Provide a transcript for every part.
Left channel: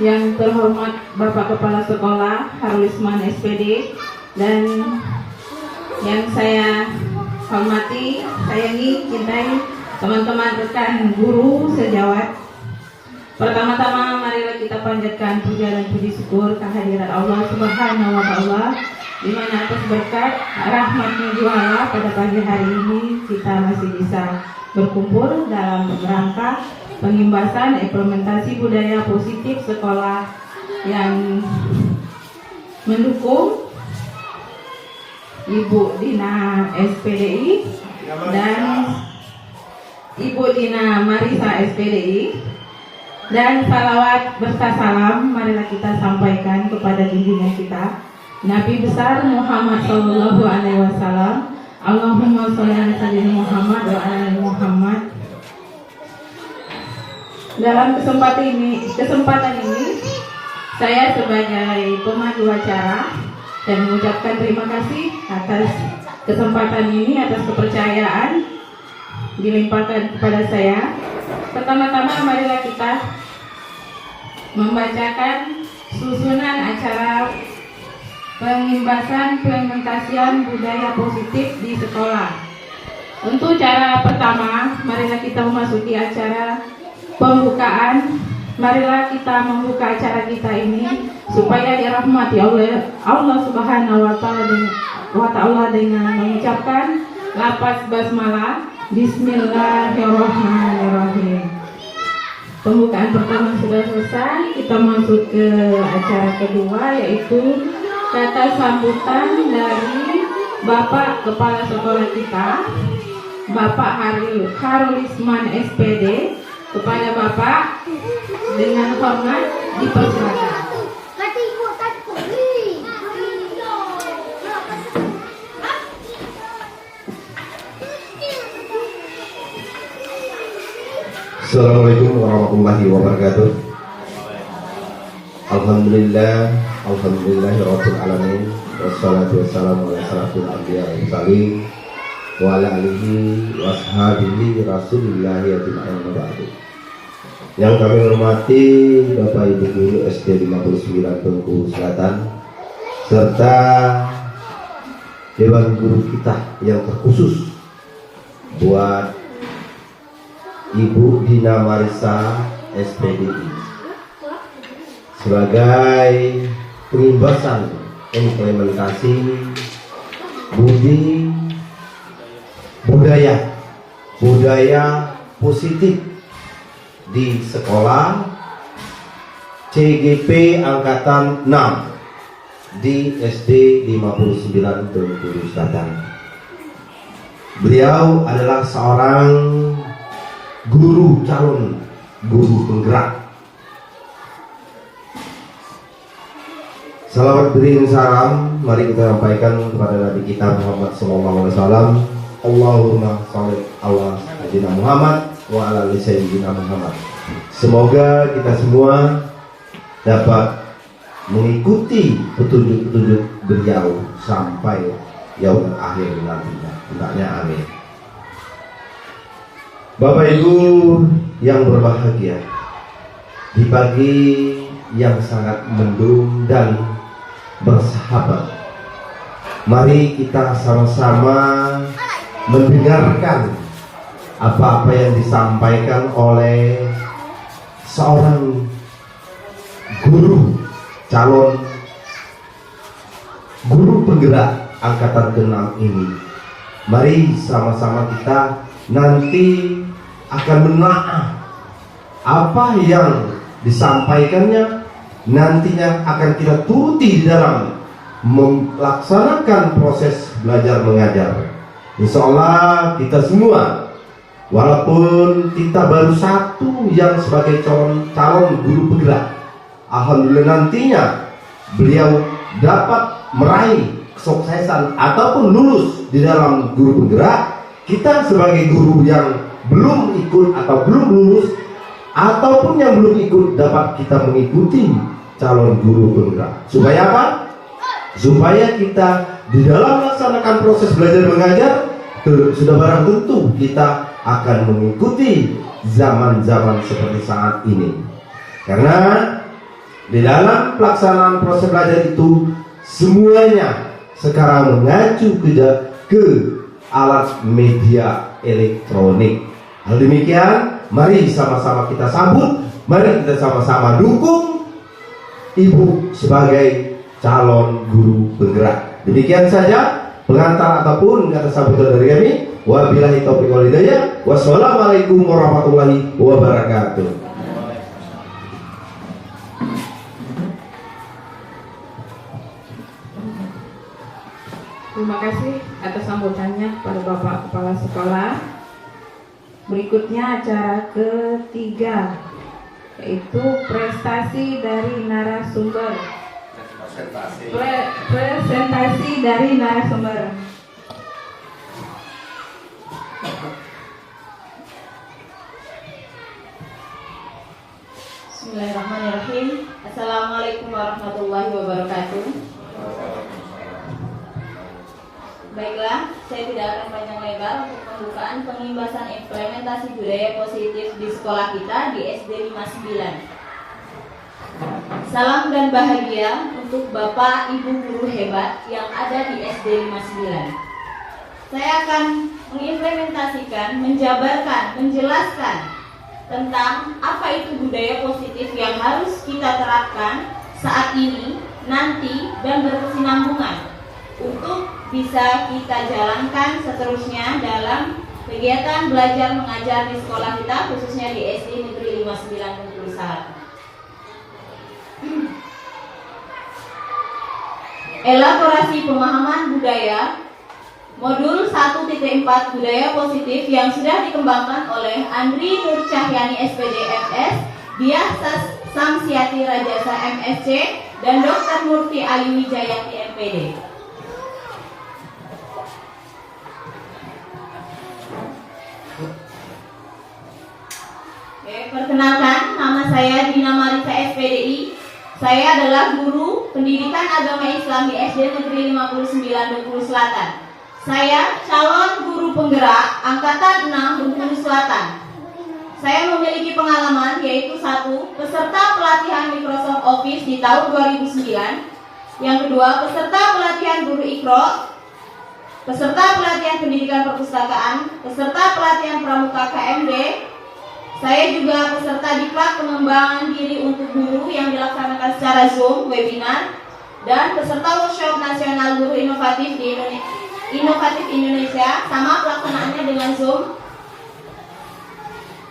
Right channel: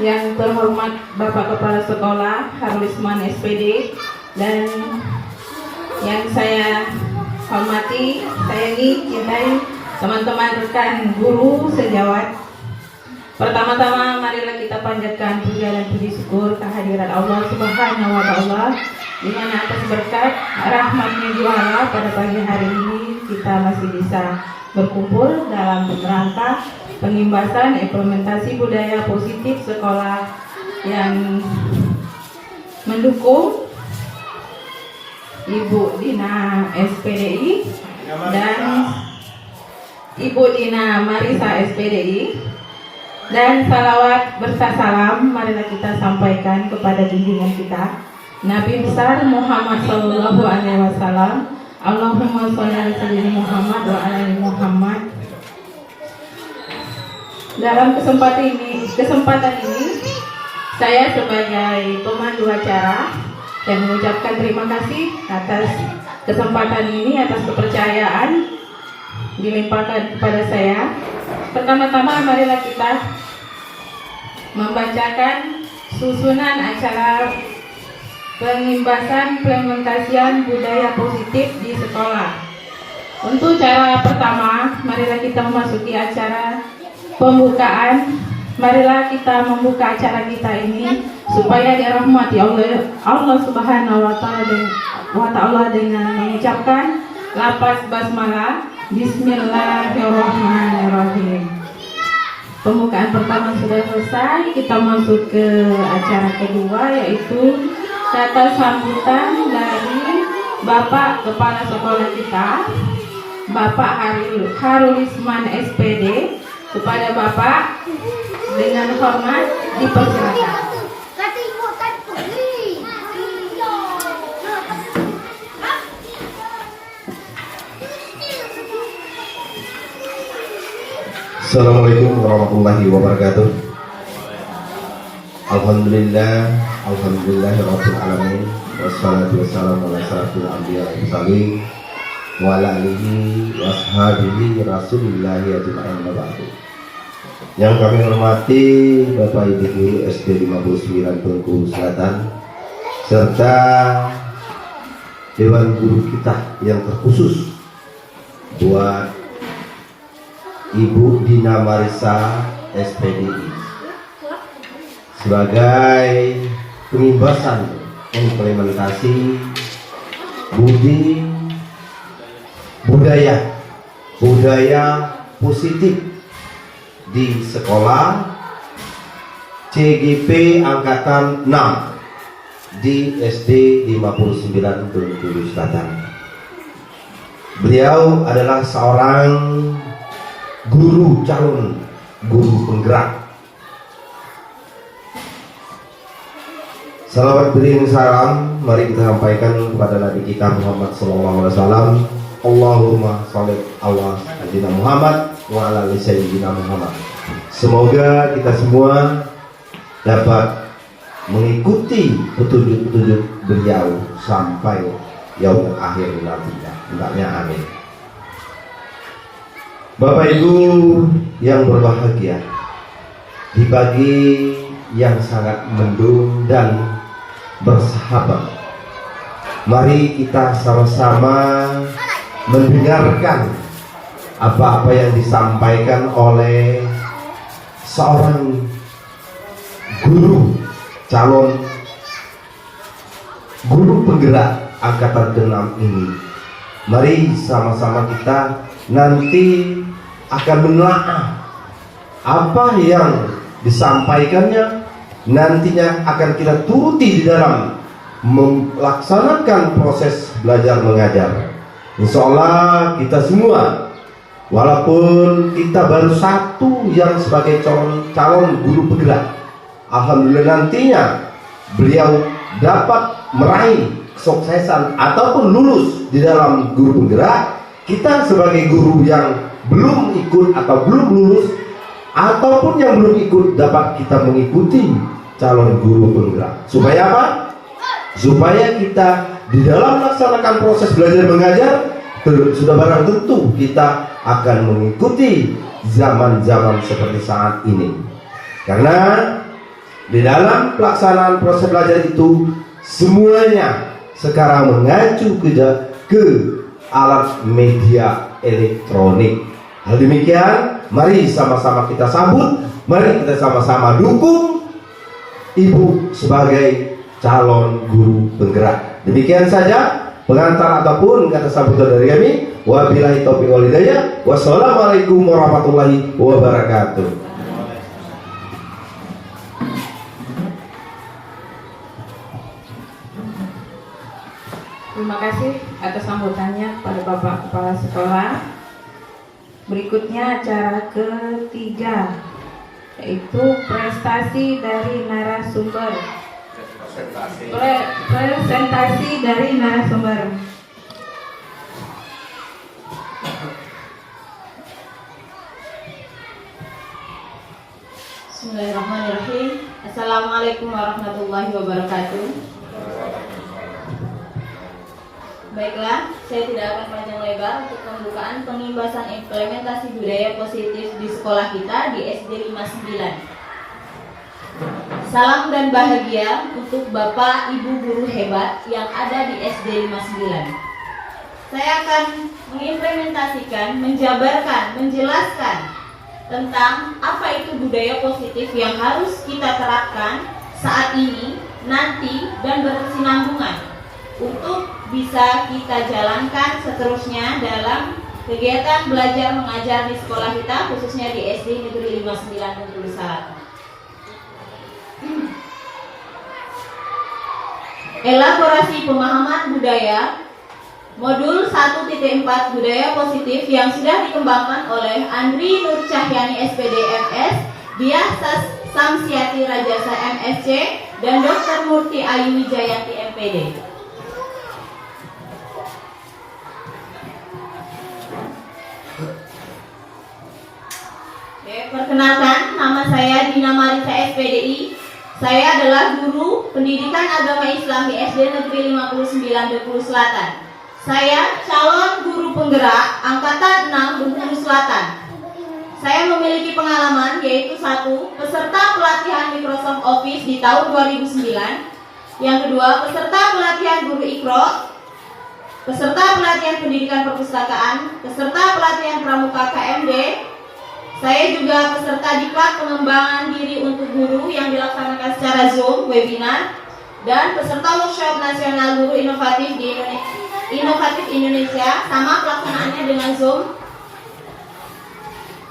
Yang terhormat Bapak Kepala Sekolah Harulisman SPD, dan yang saya hormati, sayangi, cintai teman-teman rekan guru sejawat. Pertama-tama marilah kita panjatkan puja dan puji syukur kehadiran Allah Subhanahu wa Ta'ala, di mana atas berkat rahmatnya juara pada pagi hari ini kita masih bisa berkumpul dalam rangka pengimbasan implementasi budaya positif sekolah yang mendukung Ibu Dina SPDI dan Ibu Dina Marisa SPDI, dan salawat berserta salam marilah kita sampaikan kepada junjungan kita Nabi besar Muhammad Sallallahu Alaihi Wasallam. Allahumma sholli ala sayyidina Muhammad wa ala ali Muhammad. Dalam kesempatan ini saya sebagai pemandu acara dan mengucapkan terima kasih atas kesempatan ini, atas kepercayaan dilimpahkan kepada saya. Pertama-tama marilah kita membacakan susunan acara pengimbasan implementasian budaya positif di sekolah. Untuk cara pertama, marilah kita memasuki acara pembukaan. Marilah kita membuka acara kita ini supaya dirahmati Allah Subhanahu wa Ta'ala dengan mengucapkan lafaz basmalah. Bismillahirrahmanirrahim. Pembukaan pertama sudah selesai. Kita masuk ke acara kedua, yaitu kata sambutan dari Bapak Kepala Sekolah kita, Bapak Harulisman SPD. Kepada Bapak dengan hormat dipersilakan. Assalamualaikum warahmatullahi wabarakatuh. Alhamdulillahirabbil alamin, wassalatu wassalamu ala asyrafil anbiya'i wal mursalin wa ala alihi washabihi rasulillahi ajma'in wa ba'du. Yang kami hormati Bapak Ibu Guru SD 59 Bengkulu Selatan, serta Dewan Guru kita yang terkhusus buat Ibu Dina Marisa SPDI sebagai pengimbasan implementasi budaya positif di sekolah CGP Angkatan 6 di SD 59 Bengkulu Selatan. Beliau adalah seorang calon guru penggerak. Salawat beriring salam mari kita sampaikan kepada Nabi kita Muhammad SAW. Allahumma sholli ala sayyidina Muhammad wa ala ali sayyidina Muhammad. Semoga kita semua dapat mengikuti petunjuk-petunjuk beliau sampai yaumul akhir nantinya. Hendaknya amin. Bapak Ibu yang berbahagia, di pagi yang sangat mendung dan bersahabat, mari kita sama-sama mendengarkan apa-apa yang disampaikan oleh seorang calon guru penggerak angkatan ke-6 ini. Mari sama-sama kita nanti akan menelaah apa yang disampaikannya, nantinya akan kita turuti di dalam melaksanakan proses belajar mengajar. Insya Allah kita semua, walaupun kita baru satu yang sebagai calon guru penggerak, alhamdulillah nantinya beliau dapat meraih kesuksesan ataupun lulus di dalam guru penggerak. Kita sebagai guru yang belum ikut atau belum lulus ataupun yang belum ikut, dapat kita mengikuti calon guru penggerak. Supaya apa? Supaya kita di dalam melaksanakan proses belajar mengajar sudah barang tentu kita akan mengikuti zaman-zaman seperti saat ini. Karena Di dalam pelaksanaan proses belajar itu semuanya sekarang mengacu ke alat media elektronik. Hal demikian, mari sama-sama kita sambut, mari kita sama-sama dukung Ibu sebagai calon guru penggerak. Demikian saja pengantar ataupun kata sambutan dari kami. Wabillahi taufiq wal hidayah. Wassalamualaikum warahmatullahi wabarakatuh. Terima kasih atas sambutannya kepada Bapak Kepala Sekolah. Berikutnya acara ketiga, yaitu prestasi dari narasumber. Presentasi dari narasumber. Bismillahirrahmanirrahim. Assalamualaikum warahmatullahi wabarakatuh. Baiklah, saya tidak akan panjang lebar untuk pembukaan pengimbasan implementasi budaya positif di sekolah kita di SD 59. Salam dan bahagia untuk Bapak Ibu guru hebat yang ada di SD 59. Saya akan mengimplementasikan, menjabarkan, menjelaskan tentang apa itu budaya positif yang harus kita terapkan saat ini, nanti, dan berkesinambungan untuk bisa kita jalankan seterusnya dalam kegiatan belajar mengajar di sekolah kita, khususnya di SD Negeri 59 Bengkulu Selatan. Elaborasi pemahaman budaya Modul 1.4 Budaya Positif yang sudah dikembangkan oleh Andri Nur Cahyani SPD MS, Diah Samsiati Rajasa MSc, dan Dr. Murti Ayu Wijayati MPD. Perkenalkan, nama saya Dina Marisa SPDI. Saya adalah guru pendidikan agama Islam di SD Negeri 59 Bengkulu Selatan. Saya calon guru penggerak angkatan 6 Bengkulu Selatan. Saya memiliki pengalaman yaitu 1. Peserta pelatihan Microsoft Office di tahun 2009. Yang kedua, peserta pelatihan guru Iqra, peserta pelatihan pendidikan perpustakaan, peserta pelatihan pramuka KMD. Saya juga peserta diklat pengembangan diri untuk guru yang dilaksanakan secara Zoom, webinar, dan peserta workshop nasional guru inovatif di Indonesia, sama pelaksanaannya dengan Zoom.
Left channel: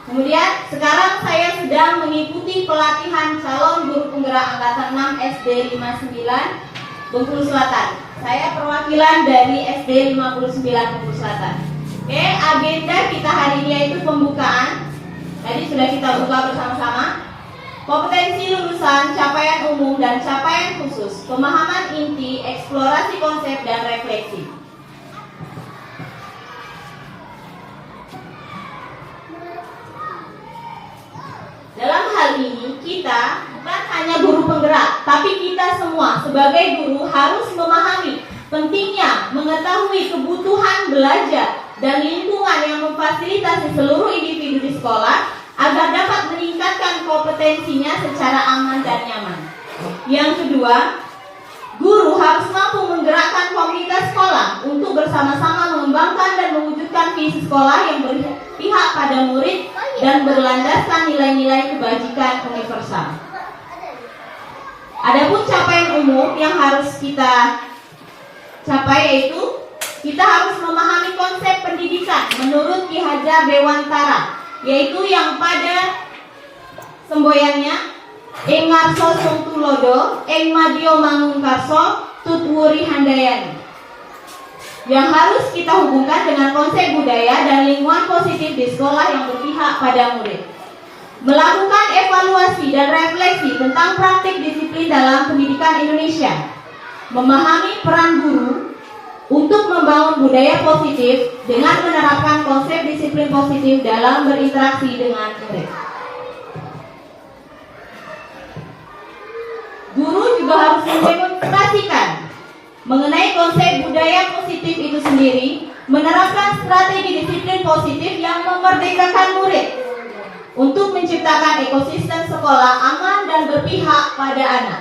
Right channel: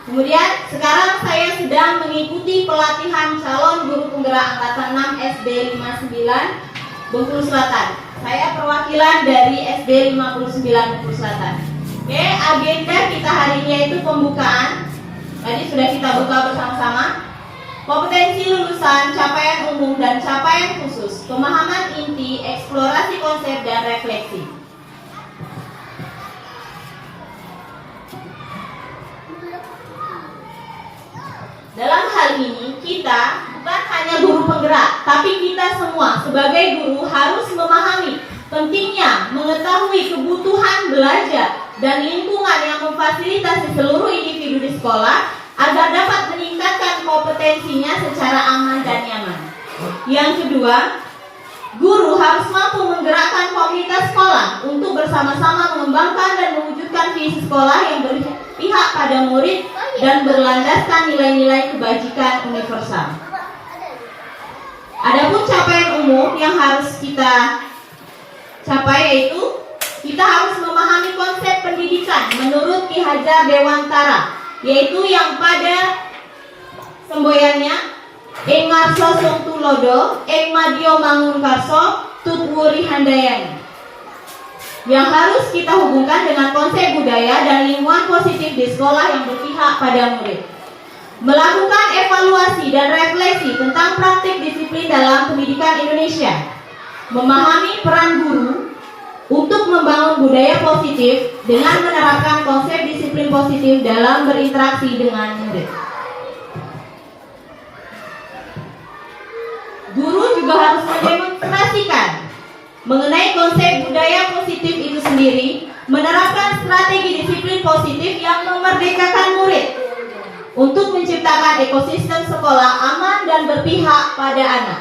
Kemudian sekarang saya sedang mengikuti pelatihan calon guru penggerak angkatan 6 SD 59 Bengkulu Selatan. Saya perwakilan dari SD 59 Bengkulu Selatan. Oke, agenda kita hari ini yaitu pembukaan. Tadi sudah kita buka bersama-sama. Kompetensi lulusan, capaian umum dan capaian khusus, pemahaman inti, eksplorasi konsep dan refleksi. Dalam hal ini kita bukan hanya guru penggerak, tapi kita semua sebagai guru harus memahami pentingnya mengetahui kebutuhan belajar dan lingkungan yang memfasilitasi seluruh individu di sekolah agar dapat meningkatkan kompetensinya secara aman dan nyaman. Yang kedua, guru harus mampu menggerakkan komunitas sekolah untuk bersama-sama mengembangkan dan mewujudkan visi sekolah yang berpihak pada murid dan berlandaskan nilai-nilai kebajikan universal. Adapun capaian umum yang harus kita capai yaitu kita harus memahami konsep pendidikan menurut Ki Hajar Dewantara, yaitu yang pada semboyannya Ing Ngarso Sung Tulodo, Ing Madyo Mangun Karso, Tutwuri Handayani, yang harus kita hubungkan dengan konsep budaya dan lingkungan positif di sekolah yang berpihak pada murid. Melakukan evaluasi dan refleksi tentang praktik disiplin dalam pendidikan Indonesia. Memahami peran guru untuk membangun budaya positif dengan menerapkan konsep disiplin positif dalam berinteraksi dengan murid. Guru juga harus mendemonstrasikan mengenai konsep budaya positif itu sendiri, menerapkan strategi disiplin positif yang memerdekakan murid untuk menciptakan ekosistem sekolah aman dan berpihak pada anak,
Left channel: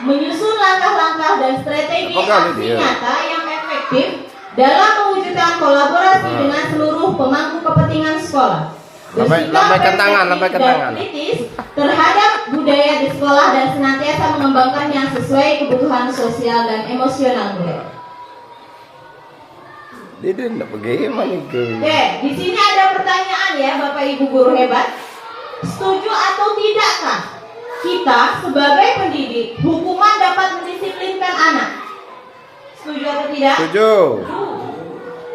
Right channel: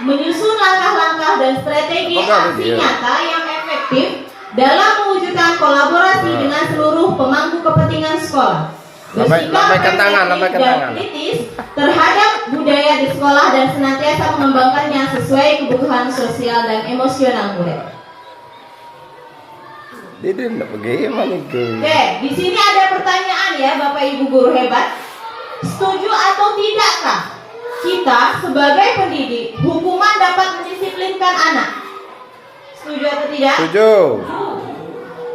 menyusun langkah-langkah dan strategi aksi nyata yang efektif dalam mewujudkan kolaborasi dengan seluruh pemangku kepentingan sekolah. Lambaikan tangan. Kritis terhadap budaya di sekolah dan senantiasa mengembangkannya sesuai kebutuhan sosial dan emosional murid. Dia tidak bagaimana itu. Oke, di sini ada pertanyaan ya Bapak Ibu guru hebat. Setuju atau tidakkah kita sebagai pendidik hukuman dapat mendisiplinkan anak? Setuju atau tidak? Setuju.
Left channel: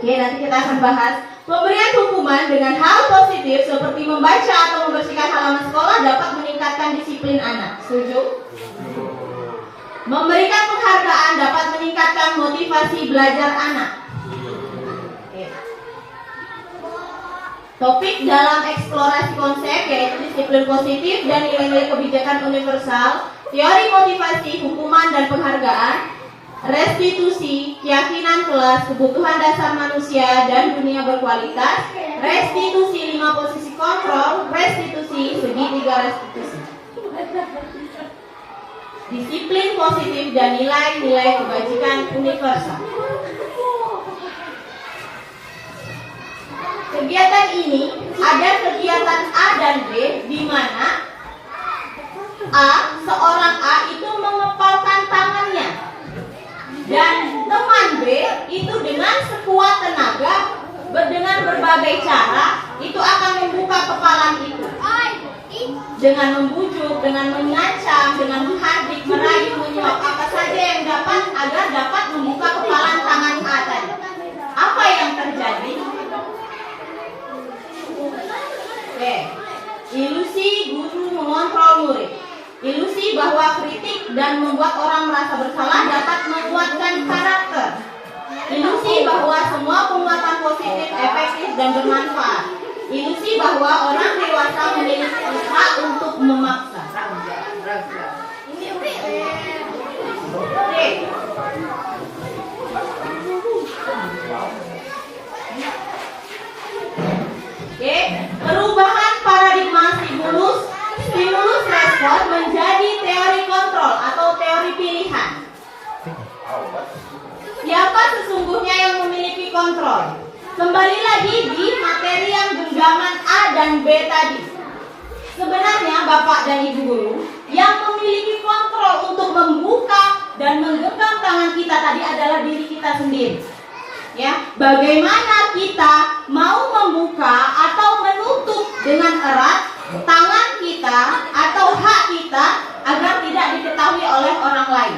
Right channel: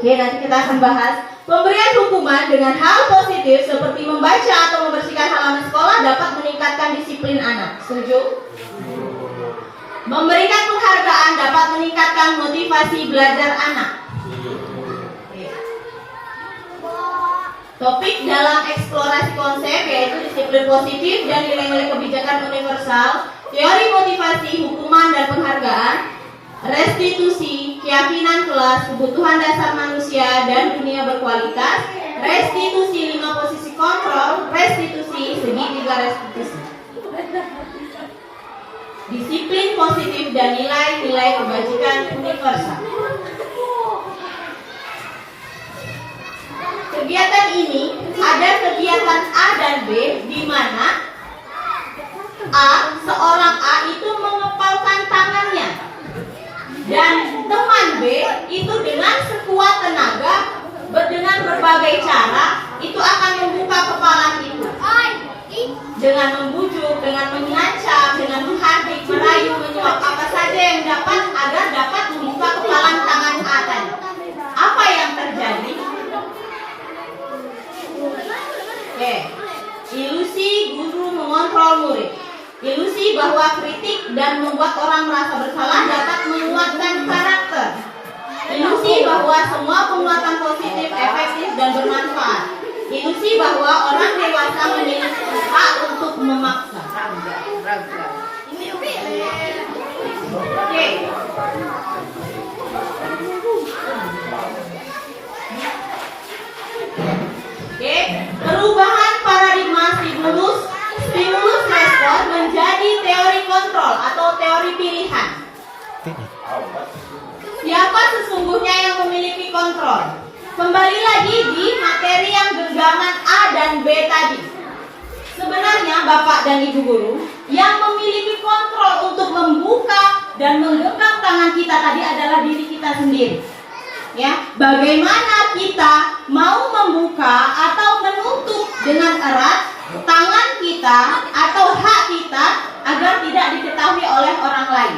Oke, nanti kita akan bahas. Pemberian hukuman dengan hal positif seperti membaca atau membersihkan halaman sekolah dapat meningkatkan disiplin anak. Setuju? Memberikan penghargaan dapat meningkatkan motivasi belajar anak. Oke. Topik dalam eksplorasi konsep yaitu disiplin positif dan nilai-nilai kebijakan universal, teori motivasi, hukuman dan penghargaan, restitusi, keyakinan kelas, kebutuhan dasar manusia dan dunia berkualitas, restitusi 5 posisi kontrol, restitusi segitiga restitusi, disiplin positif dan nilai-nilai kebajikan universal. Kegiatan ini ada kegiatan A dan B di mana seorang A itu mengepalkan tangannya dan teman B itu dengan sekuat tenaga dengan berbagai cara itu akan membuka kepalan itu dengan membujuk, dengan mengancam, dengan menghardik, merayu, menyuap apa saja yang dapat agar dapat membuka kepalan tangan A tadi. Apa yang terjadi? Oke, ilusi guru mengontrol murid. Ilusi bahwa kritik dan membuat orang merasa bersalah dapat menguatkan karakter. Ilusi bahwa semua penguatan positif, efektif dan bermanfaat. Ilusi bahwa orang dewasa memiliki hak untuk memaksa. Oke. Oke, perubahan paradigma stimulus respon menjadi teori kontrol atau teori pilihan. Siapa sesungguhnya yang memiliki kontrol? Kembali lagi di materi yang genggaman A dan B tadi. Sebenarnya Bapak dan Ibu guru yang memiliki kontrol untuk membuka dan menggenggam tangan kita tadi adalah diri kita sendiri. Ya, bagaimana kita mau membuka atau menutup dengan erat tangan kita atau hak kita agar tidak diketahui oleh orang lain.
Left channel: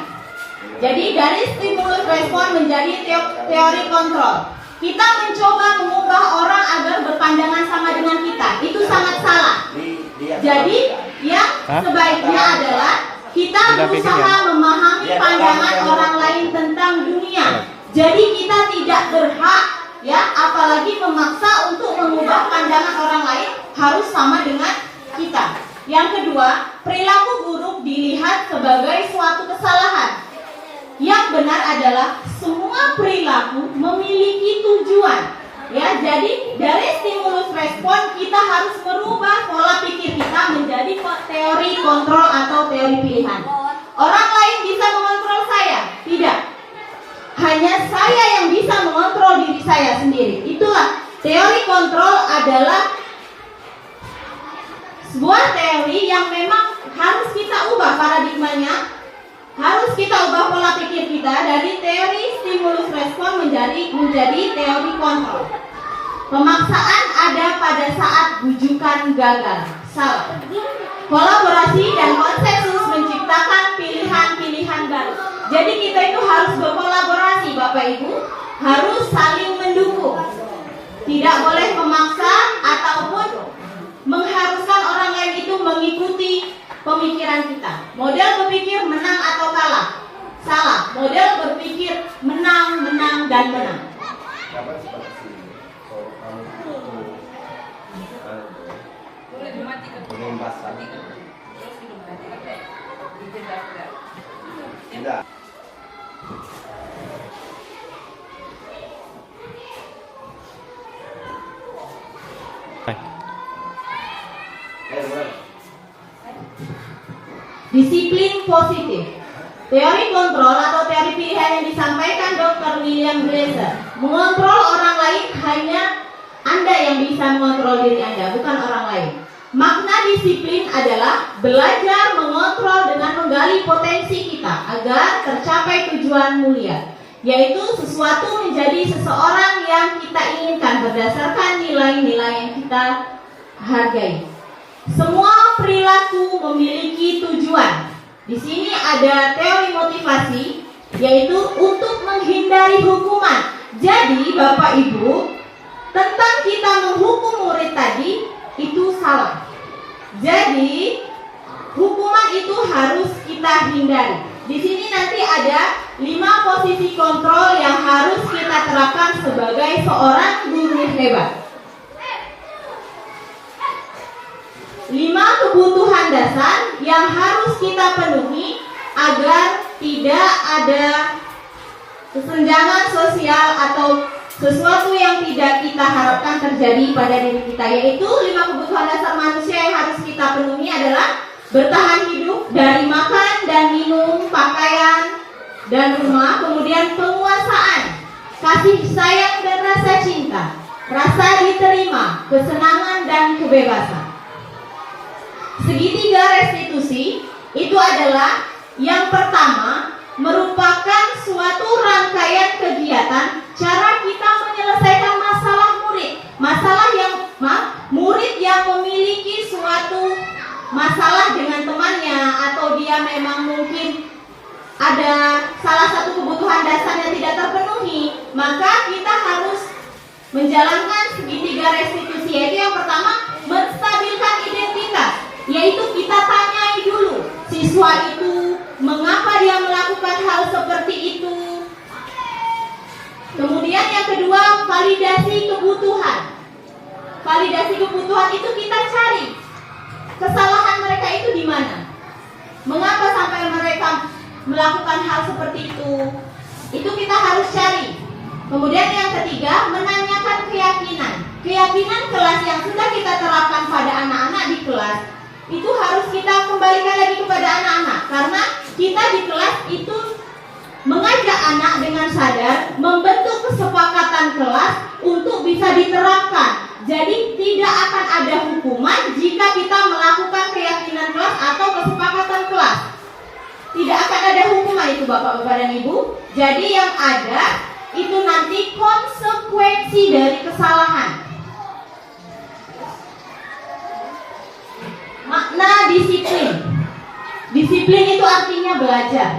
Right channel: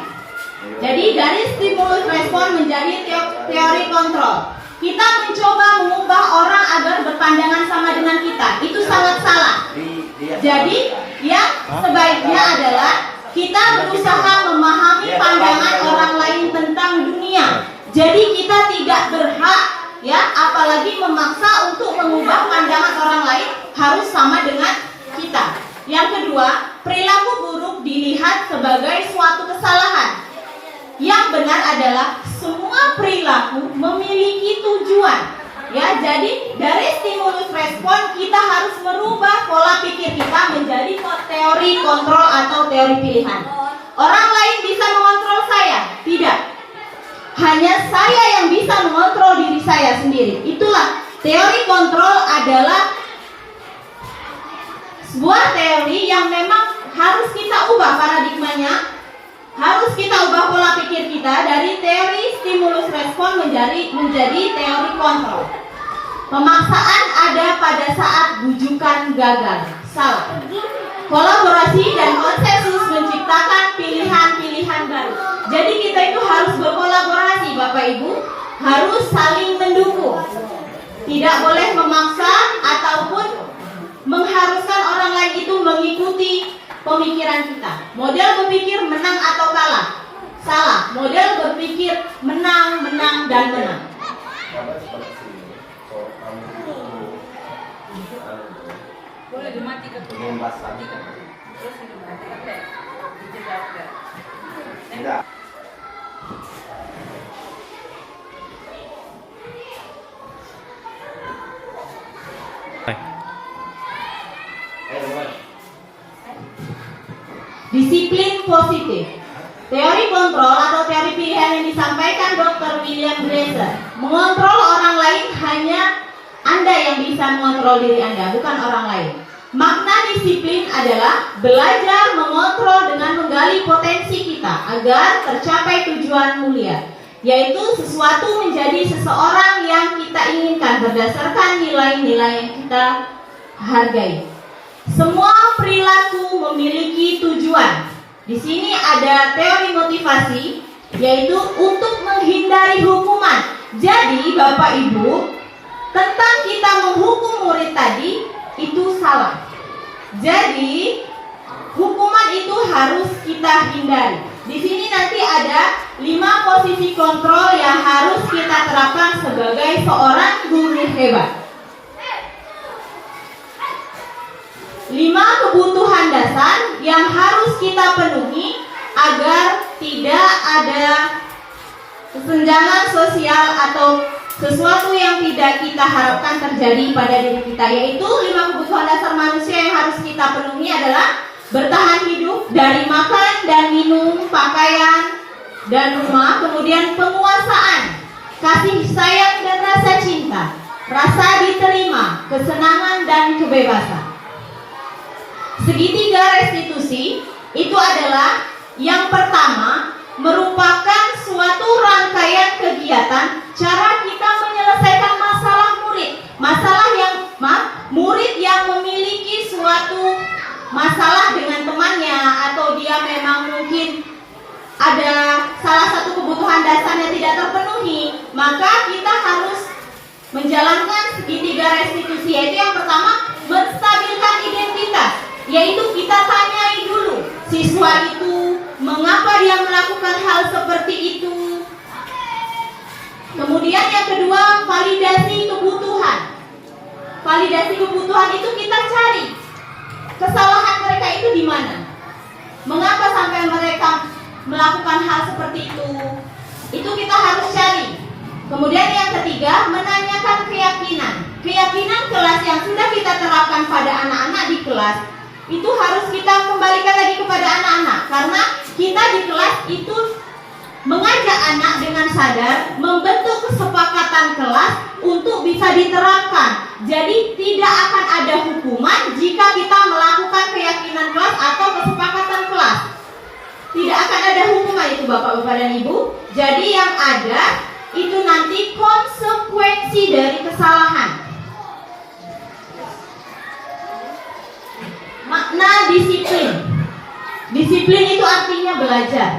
Jadi dari stimulus respon menjadi teori kontrol. Kita mencoba mengubah orang agar berpandangan sama dengan kita. Itu sangat salah. Jadi yang sebaiknya adalah kita berusaha memahami pandangan orang lain tentang dunia. Jadi kita tidak berhak ya apalagi memaksa untuk mengubah pandangan orang lain harus sama dengan kita. Yang kedua, perilaku buruk dilihat sebagai suatu kesalahan. Yang benar adalah semua perilaku memiliki tujuan. Ya, jadi dari stimulus respon kita harus merubah pola pikir kita menjadi teori kontrol atau teori pilihan. Orang lain bisa mengontrol saya? Tidak. Hanya saya yang bisa mengontrol diri saya sendiri. Itulah teori kontrol adalah sebuah teori yang memang harus kita ubah paradigmanya. Harus kita ubah pola pikir kita dari teori stimulus respon menjadi teori kontrol. Pemaksaan ada pada saat bujukan gagal. Salah. Kolaborasi dan konsensus menciptakan pilihan-pilihan baru. Jadi kita itu harus berkolaborasi Bapak Ibu, harus saling mendukung. Tidak boleh memaksa ataupun mengharuskan orang lain itu mengikuti pemikiran kita. Model berpikir menang atau kalah. Salah. Model berpikir menang, menang, dan menang. Boleh dimatikan. Enggak. Disiplin positif. Teori kontrol atau teori pilihan yang disampaikan Dr. William Glasser. Mengontrol orang lain hanya Anda yang bisa mengontrol diri Anda, bukan orang lain. Makna disiplin adalah belajar mengontrol dengan menggali potensi kita agar tercapai tujuan mulia, yaitu sesuatu menjadi seseorang yang kita inginkan berdasarkan nilai-nilai yang kita hargai. Semua perilaku memiliki tujuan. Di sini ada teori motivasi, yaitu untuk menghindari hukuman. Jadi Bapak Ibu, tentang kita menghukum murid tadi itu salah. Jadi hukuman itu harus kita hindari. Di sini nanti ada 5 posisi kontrol yang harus kita terapkan sebagai seorang guru hebat. 5 kebutuhan dasar yang harus kita penuhi agar tidak ada kesenjangan sosial atau sesuatu yang tidak kita harapkan terjadi pada diri kita, yaitu 5 kebutuhan dasar manusia yang harus kita penuhi adalah bertahan hidup dari makan dan minum, pakaian dan rumah, kemudian penguasaan, kasih sayang dan rasa cinta, rasa diterima, kesenangan dan kebebasan. Segitiga restitusi itu adalah yang pertama, merupakan suatu rangkaian kegiatan cara kita menyelesaikan masalah murid. Murid yang memiliki suatu masalah dengan temannya, atau dia memang mungkin ada salah satu kebutuhan dasar yang tidak terpenuhi, maka kita harus menjalankan segitiga restitusi, yaitu yang pertama, menstabilkan identitas, yaitu kita tanyai dulu siswa itu mengapa dia melakukan hal seperti itu. Kemudian yang kedua, validasi kebutuhan. Validasi kebutuhan itu kita cari kesalahan mereka itu di mana, mengapa sampai mereka melakukan hal seperti itu. Itu kita harus cari. Kemudian yang ketiga, menanyakan keyakinan. Keyakinan kelas yang sudah kita terapkan pada anak-anak di kelas itu harus kita kembalikan lagi kepada anak-anak, karena kita di kelas itu mengajak anak dengan sadar membentuk kesepakatan kelas untuk bisa diterapkan. Jadi tidak akan ada hukuman jika kita melakukan keyakinan kelas atau kesepakatan kelas. Tidak akan ada hukuman itu Bapak-Bapak dan Ibu. Jadi yang ada itu nanti konsekuensi dari kesalahan. Makna disiplin. Disiplin itu artinya belajar.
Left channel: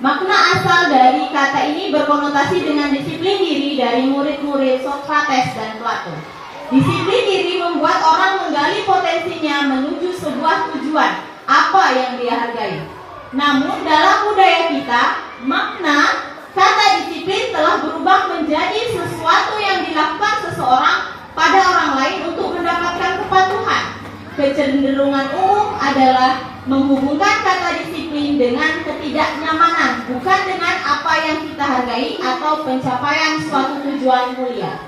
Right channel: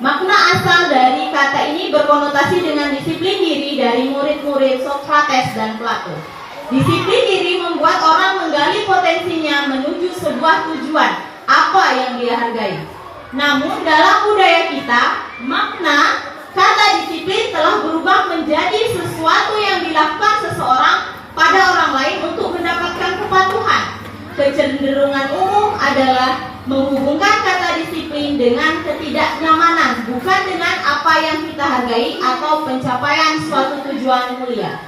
Makna asal dari kata ini berkonotasi dengan disiplin diri dari murid-murid Sokrates dan Plato. Disiplin diri membuat orang menggali potensinya menuju sebuah tujuan, apa yang dia hargai. Namun dalam budaya kita, makna kata disiplin telah berubah menjadi sesuatu yang dilakukan seseorang pada orang lain untuk mendapatkan kepatuhan. Kecenderungan umum adalah menghubungkan kata disiplin dengan ketidaknyamanan, bukan dengan apa yang kita hargai atau pencapaian suatu tujuan mulia.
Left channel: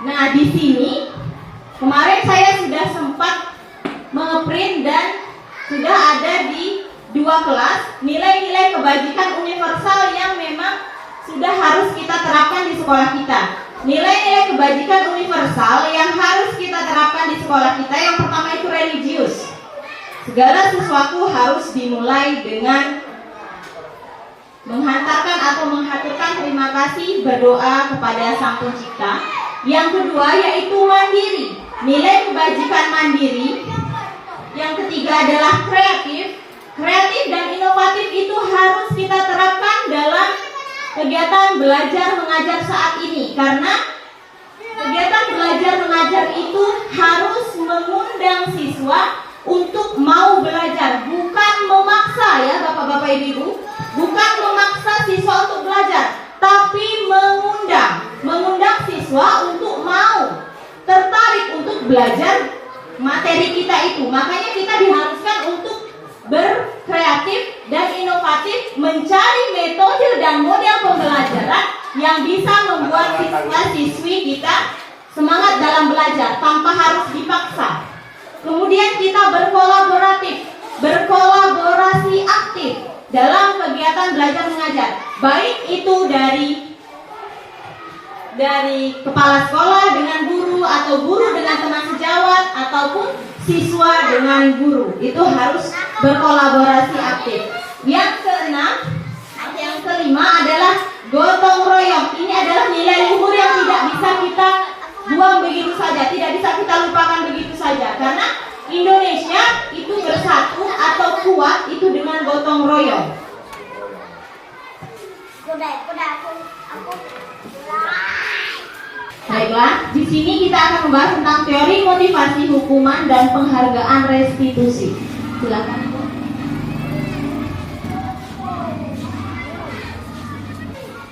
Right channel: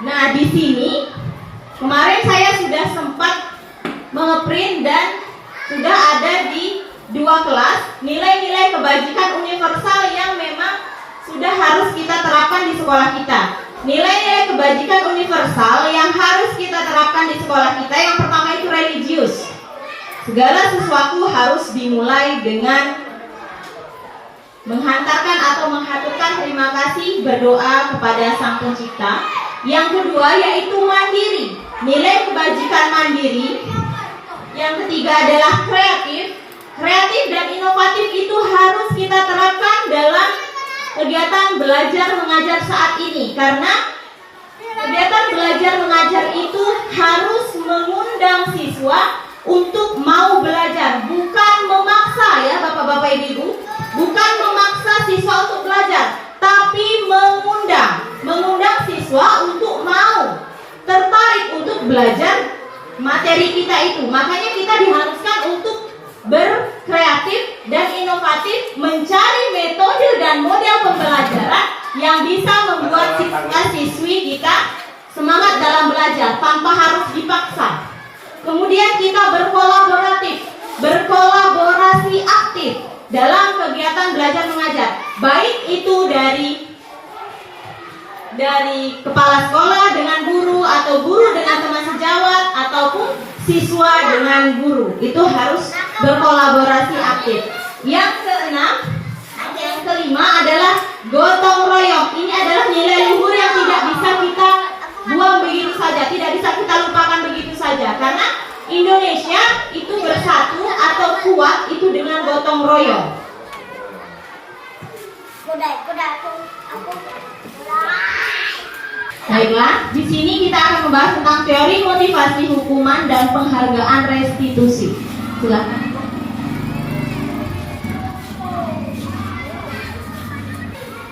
Nah, di sini kemarin saya sudah sempat mengeprint dan sudah ada di 2 kelas nilai-nilai kebajikan universal yang memang sudah harus kita terapkan di sekolah kita. Nilai-nilai kebajikan universal yang harus kita terapkan di sekolah kita, yang pertama itu religius. Segala sesuatu harus dimulai dengan menghantarkan atau menghaturkan terima kasih, berdoa kepada Sang Pencipta. Yang kedua yaitu mandiri, nilai kebajikan mandiri. Yang ketiga adalah kreatif. Kreatif dan inovatif itu harus kita terapkan dalam kegiatan belajar mengajar saat ini, karena kegiatan belajar mengajar itu harus mengundang siswa untuk mau belajar, bukan memaksa ya Bapak-Bapak Ibu, bukan memaksa siswa untuk belajar, tapi mengundang siswa untuk mau tertarik untuk belajar materi kita itu. Makanya kita diharuskan untuk berkreatif dan inovatif, mencari metode dan model pembelajaran yang bisa membuat siswa-siswi kita semangat dalam belajar tanpa harus dipaksa. kita berkolaborasi aktif dalam kegiatan belajar mengajar, baik itu dari kepala sekolah dengan guru, atau guru dengan teman sejawat, ataupun siswa dengan guru. Itu harus berkolaborasi aktif. Yang kelima adalah gotong royong. Ini adalah nilai luhur yang tidak bisa kita buang begitu saja, tidak bisa kita lupakan begitu saja, karena Indonesia itu bersatu atau kuat itu dengan gotong royong. Baiklah, di sini kita akan membahas tentang teori motivasi hukuman dan penghargaan restitusi. Silakan.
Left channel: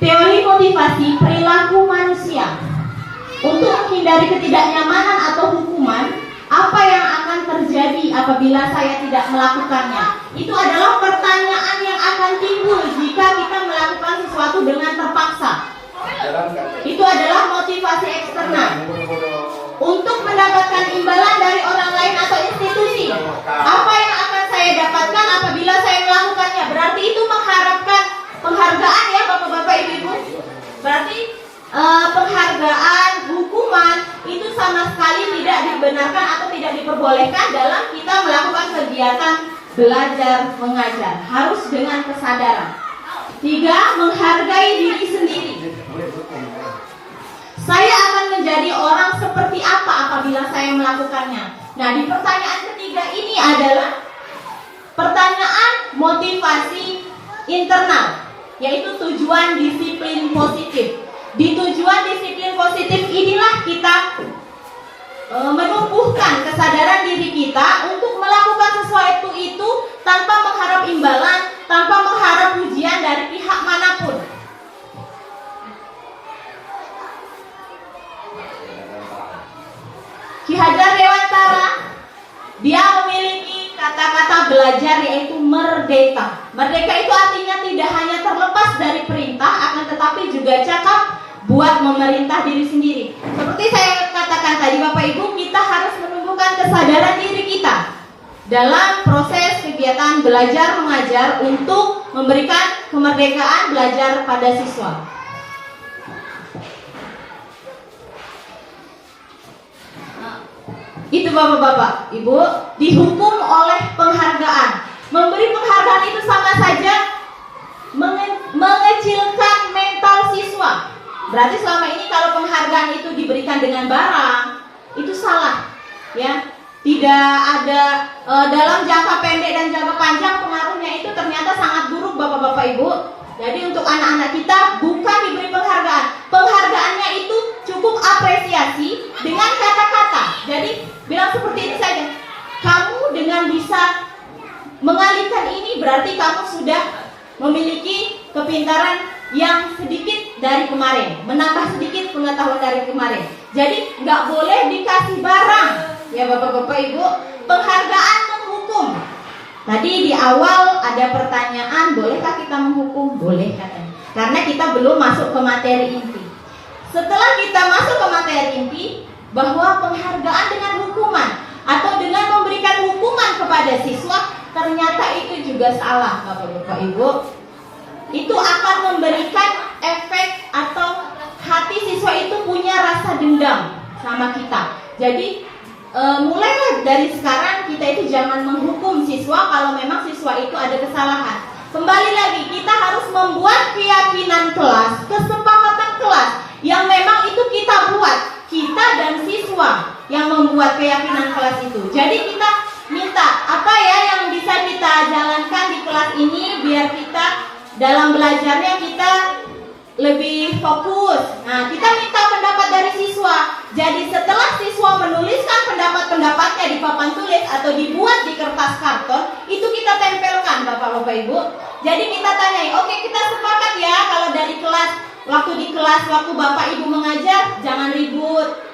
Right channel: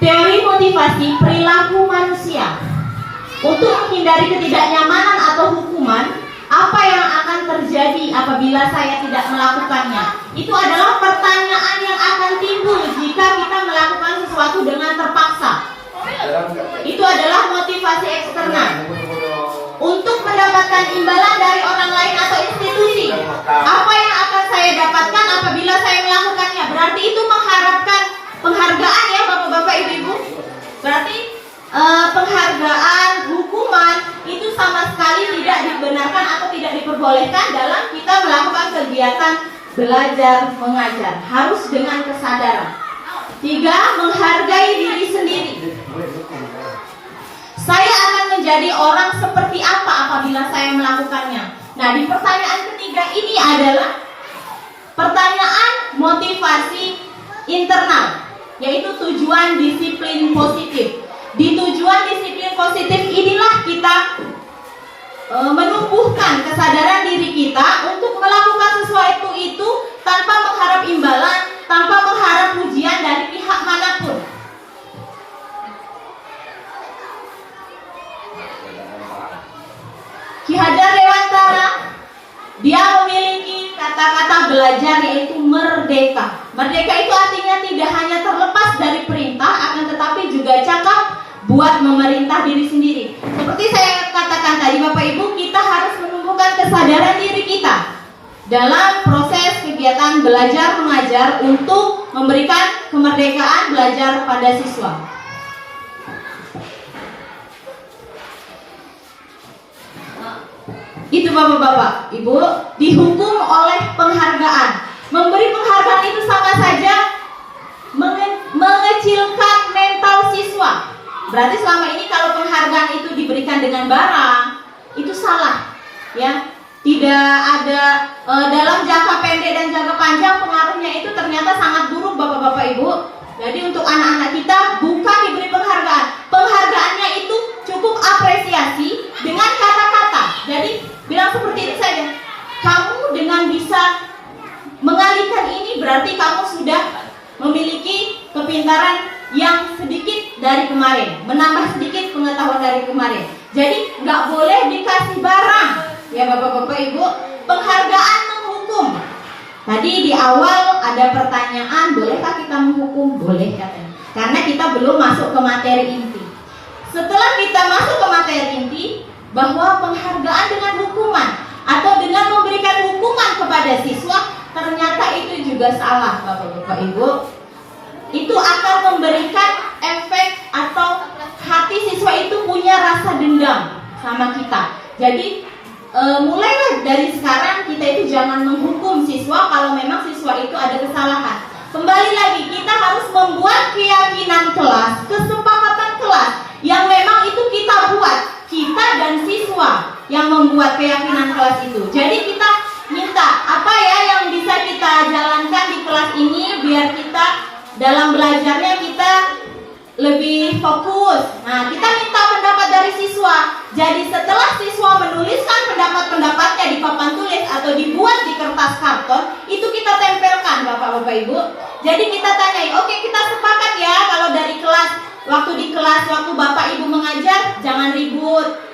Teori motivasi perilaku manusia. Untuk menghindari ketidaknyamanan atau hukuman, apa yang akan terjadi apabila saya tidak melakukannya? Itu adalah pertanyaan yang akan timbul jika kita melakukan sesuatu dengan terpaksa. Itu adalah motivasi eksternal. Untuk mendapatkan imbalan dari orang lain atau institusi, apa yang akan saya dapatkan apabila saya melakukannya? Berarti itu mengharapkan penghargaan ya Bapak-bapak, Ibu-ibu. Berarti penghargaan, hukuman itu sama sekali tidak dibenarkan atau tidak diperbolehkan dalam kita melakukan kegiatan belajar mengajar. Harus dengan kesadaran. 3. Menghargai diri sendiri. Saya akan menjadi orang seperti apa apabila saya melakukannya? Nah, di pertanyaan ketiga ini adalah pertanyaan motivasi internal, yaitu tujuan disiplin positif. Di tujuan disiplin positif inilah kita menumbuhkan kesadaran diri kita untuk melakukan sesuatu itu tanpa mengharap imbalan, tanpa mengharap pujian dari pihak manapun. Ki Hajar Dewantara, dia memiliki kata-kata belajar yaitu merdeka. Merdeka itu artinya tidak hanya terlepas dari perintah, akan tetapi juga cakap buat memerintah diri sendiri. Seperti saya katakan tadi Bapak Ibu, kita harus menumbuhkan kesadaran diri kita dalam proses kegiatan belajar mengajar untuk memberikan kemerdekaan belajar pada siswa. Itu Bapak-bapak, Ibu, dihukum oleh penghargaan. Memberi penghargaan itu sama saja mengecilkan mental siswa. Berarti selama ini kalau penghargaan itu diberikan dengan barang, itu salah, ya. Tidak ada dalam jangka pendek dan jangka panjang pengaruhnya itu ternyata sangat buruk Bapak-bapak Ibu. Jadi untuk anak-anak kita bukan diberi penghargaan. Penghargaannya itu cukup apresiasi dengan kata-kata. Jadi bilang seperti itu saja. Kamu dengan bisa mengalihkan ini berarti kamu sudah memiliki kepintaran yang sedikit dari kemarin, menambah sedikit pengetahuan dari kemarin. Jadi nggak boleh dikasih barang, ya Bapak-bapak Ibu. Penghargaan menghukum. Tadi di awal ada pertanyaan, bolehkah kita menghukum? Boleh katanya. Karena kita belum masuk ke materi inti. Setelah kita masuk ke materi inti, bahwa penghargaan dengan hukuman atau dengan memberikan hukuman kepada siswa, ternyata itu juga salah Bapak-bapak Ibu. Itu akan memberikan efek atau hati siswa itu punya rasa dendam sama kita. Jadi mulailah dari sekarang kita itu jangan menghukum siswa kalau memang siswa itu ada kesalahan. Kembali lagi, kita harus membuat keyakinan kelas, kesepakatan kelas yang memang itu kita buat, kita dan siswa yang membuat keyakinan kelas itu. Jadi kita minta apa ya yang bisa kita jalankan di kelas ini biar kita dalam belajarnya kita lebih fokus. Nah, kita minta pendapat dari siswa. Jadi setelah siswa menuliskan pendapat-pendapatnya di papan tulis atau dibuat di kertas karton, itu kita tempelkan Bapak-bapak Ibu. Jadi kita tanyai, oke kita sepakat ya kalau dari kelas, waktu Bapak Ibu mengajar jangan ribut.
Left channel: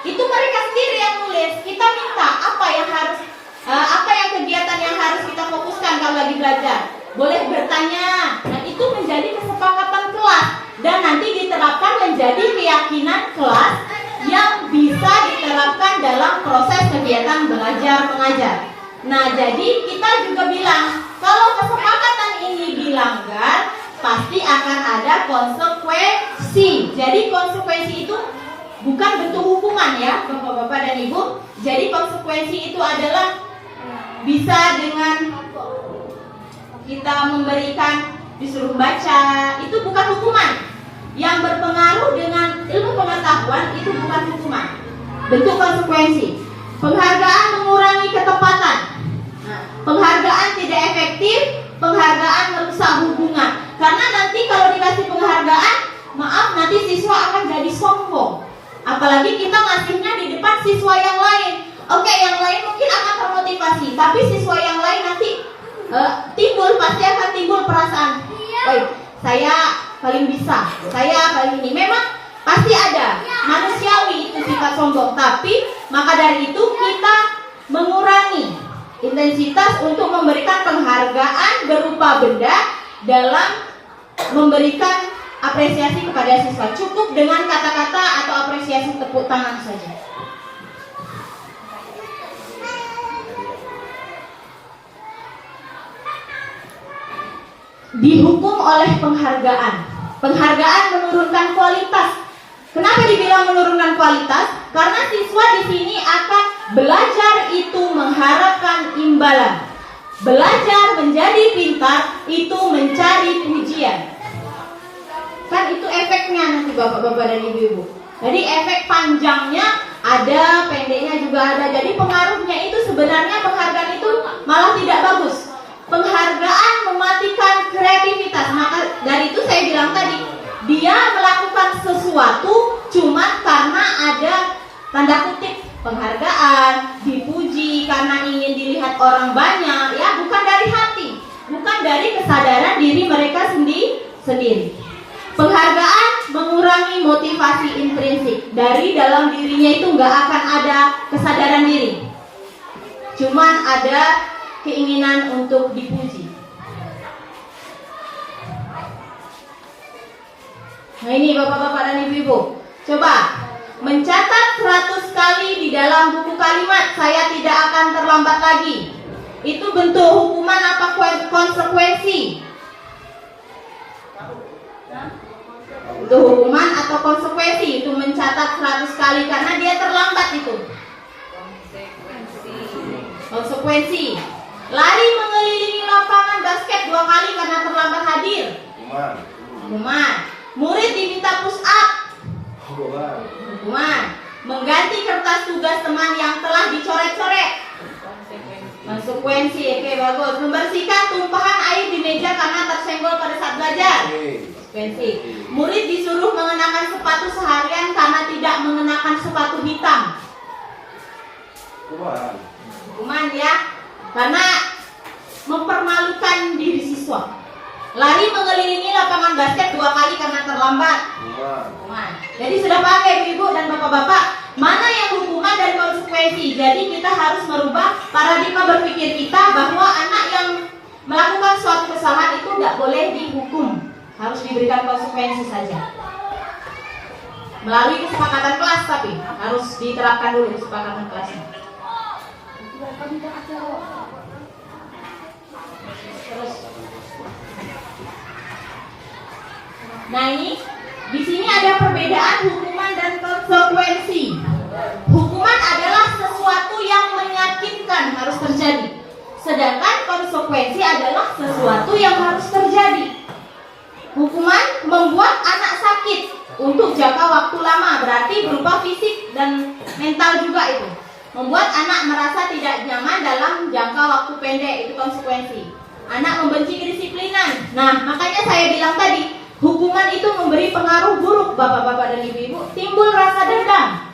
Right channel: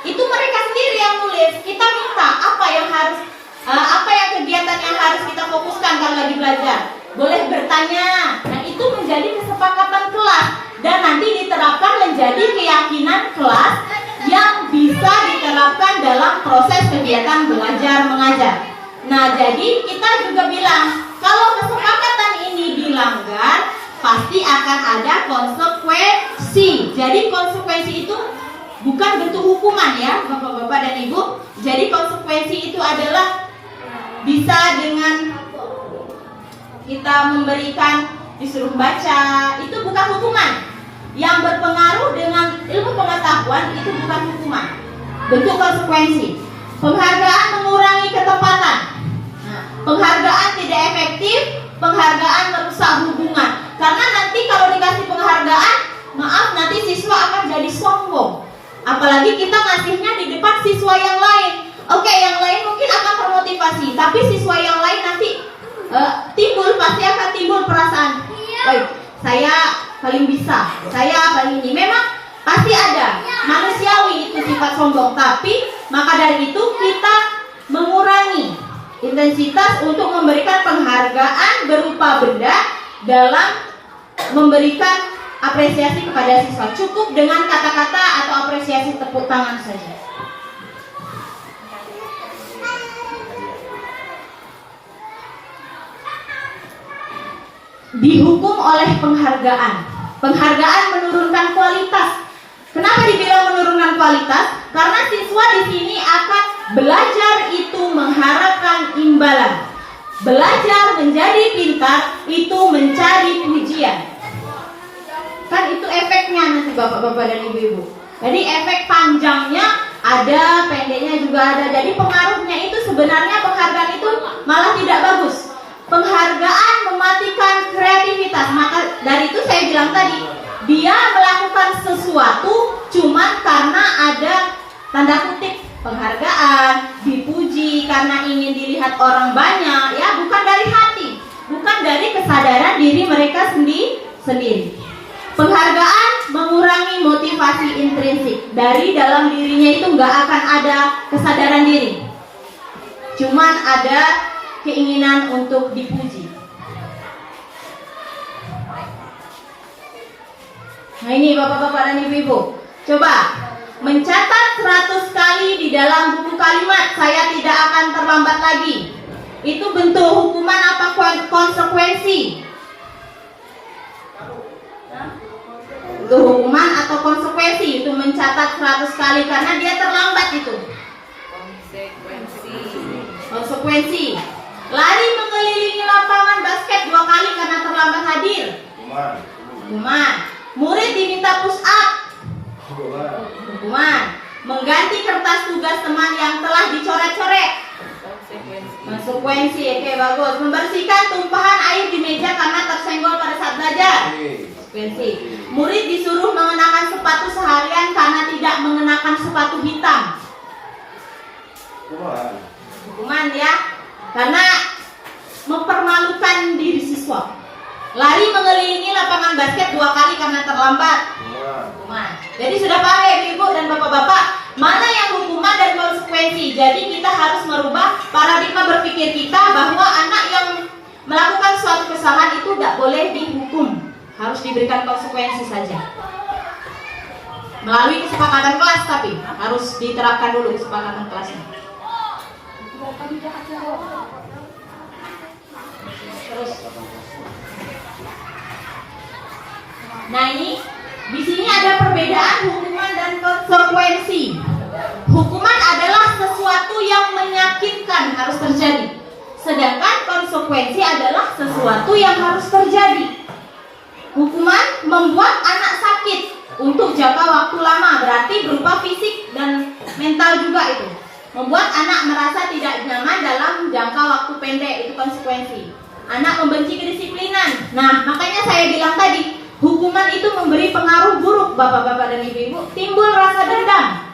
Itu mereka sendiri yang nulis. Kita minta apa yang kegiatan yang harus kita fokuskan kalau lagi belajar. Boleh bertanya. Nah, itu menjadi kesepakatan kelas dan nanti diterapkan menjadi keyakinan kelas yang bisa diterapkan dalam proses kegiatan belajar mengajar. Nah, jadi kita juga bilang kalau kesepakatan ini dilanggar pasti akan ada konsekuensi. Jadi konsekuensi itu bukan bentuk hukuman ya Bapak-bapak dan Ibu. Jadi konsekuensi itu adalah bisa dengan kita memberikan, disuruh baca, itu bukan hukuman. Yang berpengaruh dengan ilmu pengetahuan itu bukan hukuman, bentuk konsekuensi. Penghargaan mengurangi ketepatan. Nah, penghargaan tidak efektif, penghargaan merusak hubungan. Karena nanti kalau dikasih penghargaan, maaf nanti siswa akan jadi sombong. Apalagi kita ngasihnya di depan siswa yang lain. Oke, yang lain mungkin akan termotivasi, tapi siswa yang lain nanti pasti akan timbul perasaan, saya paling bisa, saya paling ini. Memang pasti ada, manusiawi itu sifat sombong. Tapi maka dari itu kita mengurangi intensitas untuk memberikan penghargaan berupa benda dalam memberikan apresiasi kepada siswa. Cukup dengan kata-kata atau apresiasi tepuk tangan saja. Dihukum oleh penghargaan. Penghargaan menurunkan kualitas. Kenapa dibilang menurunkan kualitas? Karena siswa di sini akan belajar itu mengharapkan imbalan. Belajar menjadi pintar itu mencari pujian. Kan itu efeknya nanti Bapak-bapak dan Ibu-ibu. Jadi efek panjangnya ada, pendeknya juga ada. Jadi pengaruhnya itu sebenarnya penghargaan itu malah tidak bagus. Penghargaan mematikan kreativitas. Maka dari itu saya bilang tadi, dia melakukan sesuatu cuma karena ada tanda kutip penghargaan, dipuji karena ingin dilihat orang banyak, ya, bukan dari hati, bukan dari kesadaran diri mereka sendiri. Penghargaan mengurangi motivasi intrinsik. Dari dalam dirinya itu nggak akan ada kesadaran diri, cuman ada keinginan untuk dipuji. Nah ini Bapak-bapak dan Ibu-ibu, coba mencatat 100 kali di dalam buku kalimat saya tidak akan terlambat lagi. Itu bentuk hukuman apa konsekuensi? Itu hukuman atau konsekuensi? Itu mencatat 100 kali karena dia terlambat itu. Konsekuensi. Lari mengelilingi lapangan basket 2 kali karena terlambat hadir. Hukuman. Murid diminta push up. Hukuman. Mengganti kertas tugas teman yang telah dicoret-coret. Konsekuensi. Oke, bagus. Membersihkan tumpahan air di meja karena tersenggol pada saat belajar. Konsekuensi. Murid disuruh mengenakan sepatu seharian karena tidak mengenakan sepatu hitam. Hukuman ya. Karena mempermalukan diri siswa. Lari mengelilingi lapangan basket 2 kali karena terlambat. Hukuman. Jadi sudah pakai Ibu dan Bapak-bapak, mana yang hukuman dan konsekuensi. Jadi kita harus merubah paradigma berpikir kita bahwa anak yang melakukan suatu kesalahan itu tidak boleh dihukum, harus diberikan konsekuensi saja. Melalui kesepakatan kelas, tapi harus diterapkan dulu kesepakatan kelasnya. Terus. Nah ini di sini ada perbedaan hukuman dan konsekuensi. Hukuman adalah sesuatu yang menyakitkan harus terjadi, sedangkan konsekuensi adalah sesuatu yang harus terjadi. Hukuman membuat anak sakit untuk jangka waktu lama, berarti berupa fisik dan mental juga itu. Membuat anak merasa tidak nyaman dalam jangka waktu pendek, itu konsekuensi. Anak membenci kedisiplinan. Nah, makanya saya bilang tadi, hukuman itu memberi pengaruh buruk Bapak-bapak dan Ibu-ibu. Timbul rasa dendam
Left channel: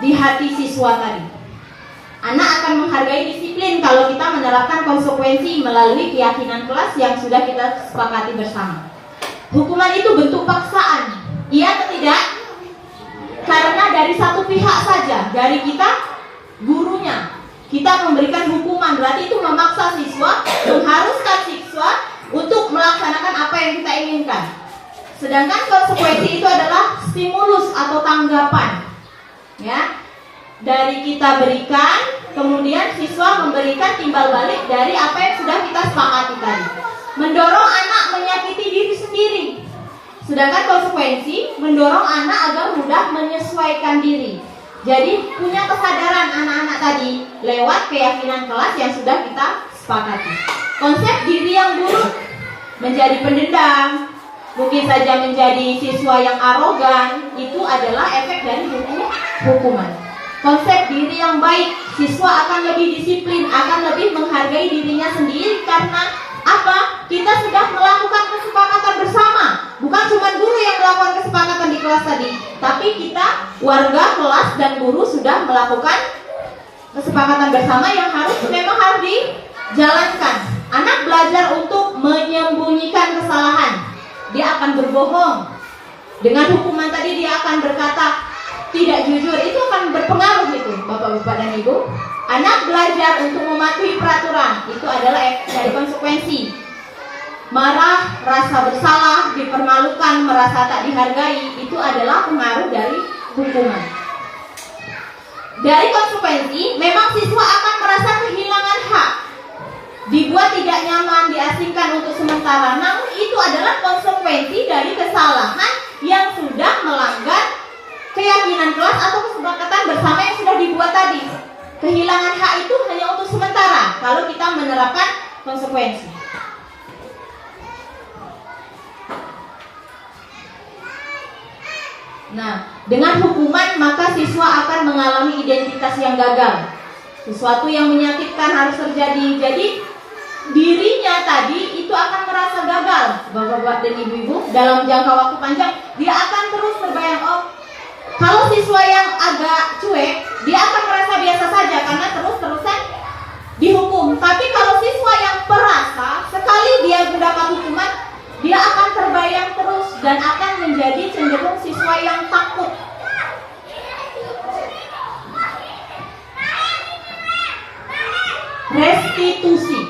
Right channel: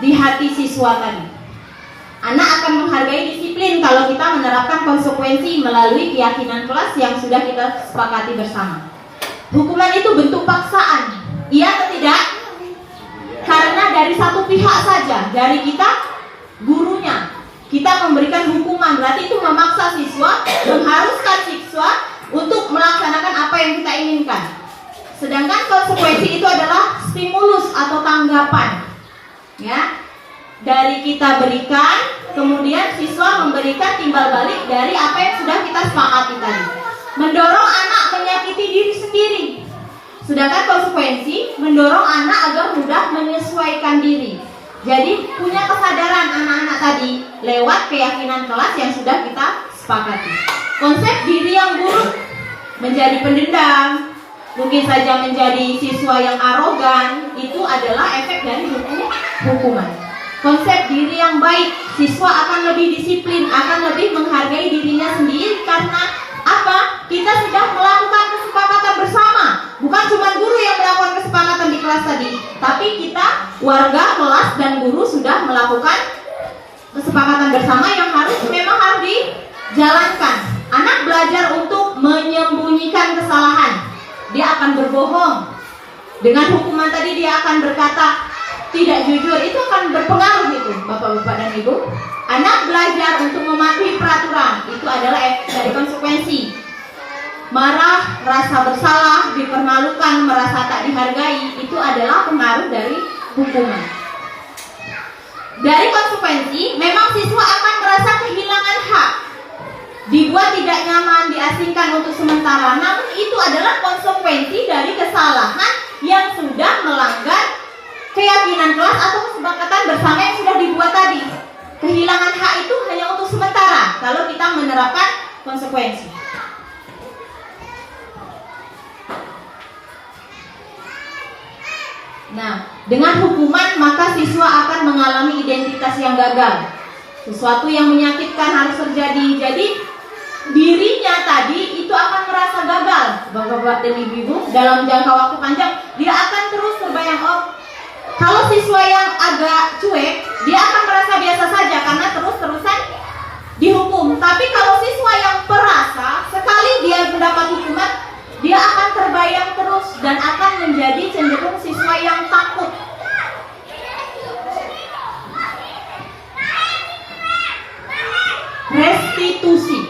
di hati siswa tadi. Anak akan menghargai disiplin kalau kita menerapkan konsekuensi melalui keyakinan kelas yang sudah kita sepakati bersama. Hukuman itu bentuk paksaan, iya atau tidak? Karena dari satu pihak saja, dari kita, gurunya, kita memberikan hukuman, berarti itu memaksa siswa, mengharuskan siswa untuk melaksanakan apa yang kita inginkan. Sedangkan konsekuensi itu adalah stimulus atau tanggapan, ya, dari kita berikan kemudian siswa memberikan timbal balik dari apa yang sudah kita sepakati tadi. Mendorong anak menyakiti diri sendiri. Sedangkan konsekuensi mendorong anak agar mudah menyesuaikan diri. Jadi punya kesadaran anak-anak tadi lewat keyakinan kelas yang sudah kita sepakati. Konsep diri yang buruk, menjadi pendendam, mungkin saja menjadi siswa yang arogan, itu adalah efek dari hukuman. Konsep diri yang baik, siswa akan lebih disiplin, akan lebih menghargai dirinya sendiri karena apa? Kita sudah melakukan kesepakatan bersama. Bukan cuma guru yang melakukan kesepakatan di kelas tadi, tapi kita, warga, kelas, dan guru sudah melakukan kesepakatan bersama yang memang harus dijalankan. Anak belajar untuk menyembunyikan kesalahan. Dia akan berbohong. Dengan hukuman tadi dia akan berkata tidak jujur, itu akan berpengaruh gitu, Bapak-bapak dan Ibu. Anak belajar untuk mematuhi peraturan, itu adalah efek dari konsekuensi. Marah, rasa bersalah, dipermalukan, merasa tak dihargai, itu adalah pengaruh dari hukuman. Dari konsekuensi, memang siswa akan merasa kehilangan hak, dibuat tidak nyaman, diasingkan untuk sementara. Namun itu adalah konsekuensi dari kesalahan yang sudah melanggar keyakinan kelas atau kesepakatan bersama yang sudah dibuat tadi. Kehilangan hak itu hanya untuk sementara kalau kita menerapkan konsekuensi. Nah, dengan hukuman maka siswa akan mengalami identitas yang gagal. Sesuatu yang menyakitkan harus terjadi. Jadi dirinya tadi itu akan merasa gagal, Bapak-bapak dan Ibu-ibu. Dalam jangka waktu panjang dia akan terus terbayang, kalau siswa yang agak cuek, dia akan merasa biasa saja karena terus-terusan dihukum. Tapi kalau siswa yang perasa, sekali dia mendapat hukuman, dia akan terbayang terus dan akan menjadi cenderung siswa yang takut. Restitusi.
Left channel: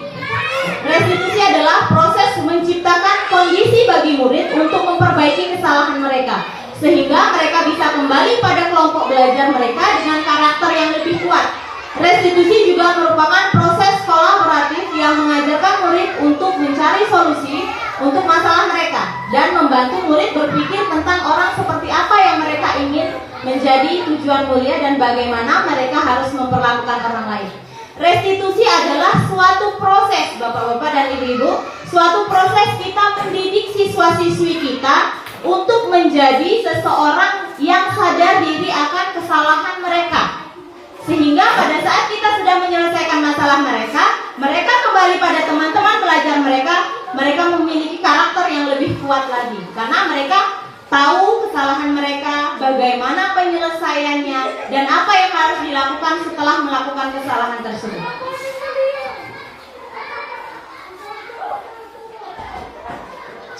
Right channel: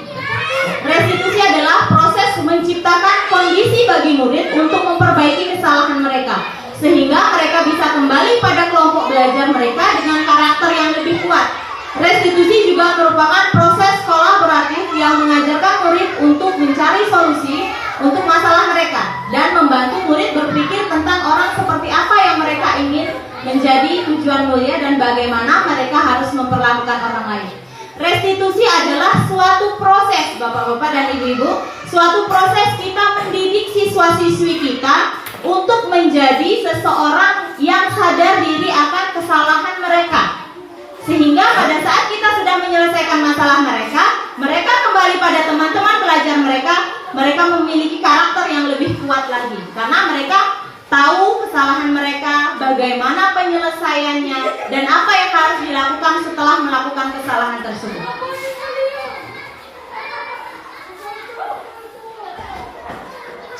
Restitusi adalah proses menciptakan kondisi bagi murid untuk memperbaiki kesalahan mereka, sehingga mereka bisa kembali pada kelompok belajar mereka dengan karakter yang lebih kuat. Restitusi juga merupakan proses kolaboratif yang mengajarkan murid untuk mencari solusi untuk masalah mereka dan membantu murid berpikir tentang orang seperti apa yang mereka ingin menjadi tujuan mulia dan bagaimana mereka harus memperlakukan orang lain. Restitusi adalah suatu proses, Bapak-bapak dan Ibu-ibu, suatu proses kita mendidik siswa-siswi kita untuk menjadi seseorang yang sadar diri akan kesalahan mereka. Sehingga pada saat kita sudah menyelesaikan masalah mereka, mereka kembali pada teman-teman belajar mereka, mereka memiliki karakter yang lebih kuat lagi. Karena mereka tahu kesalahan mereka, bagaimana penyelesaiannya, dan apa yang harus dilakukan setelah melakukan kesalahan tersebut.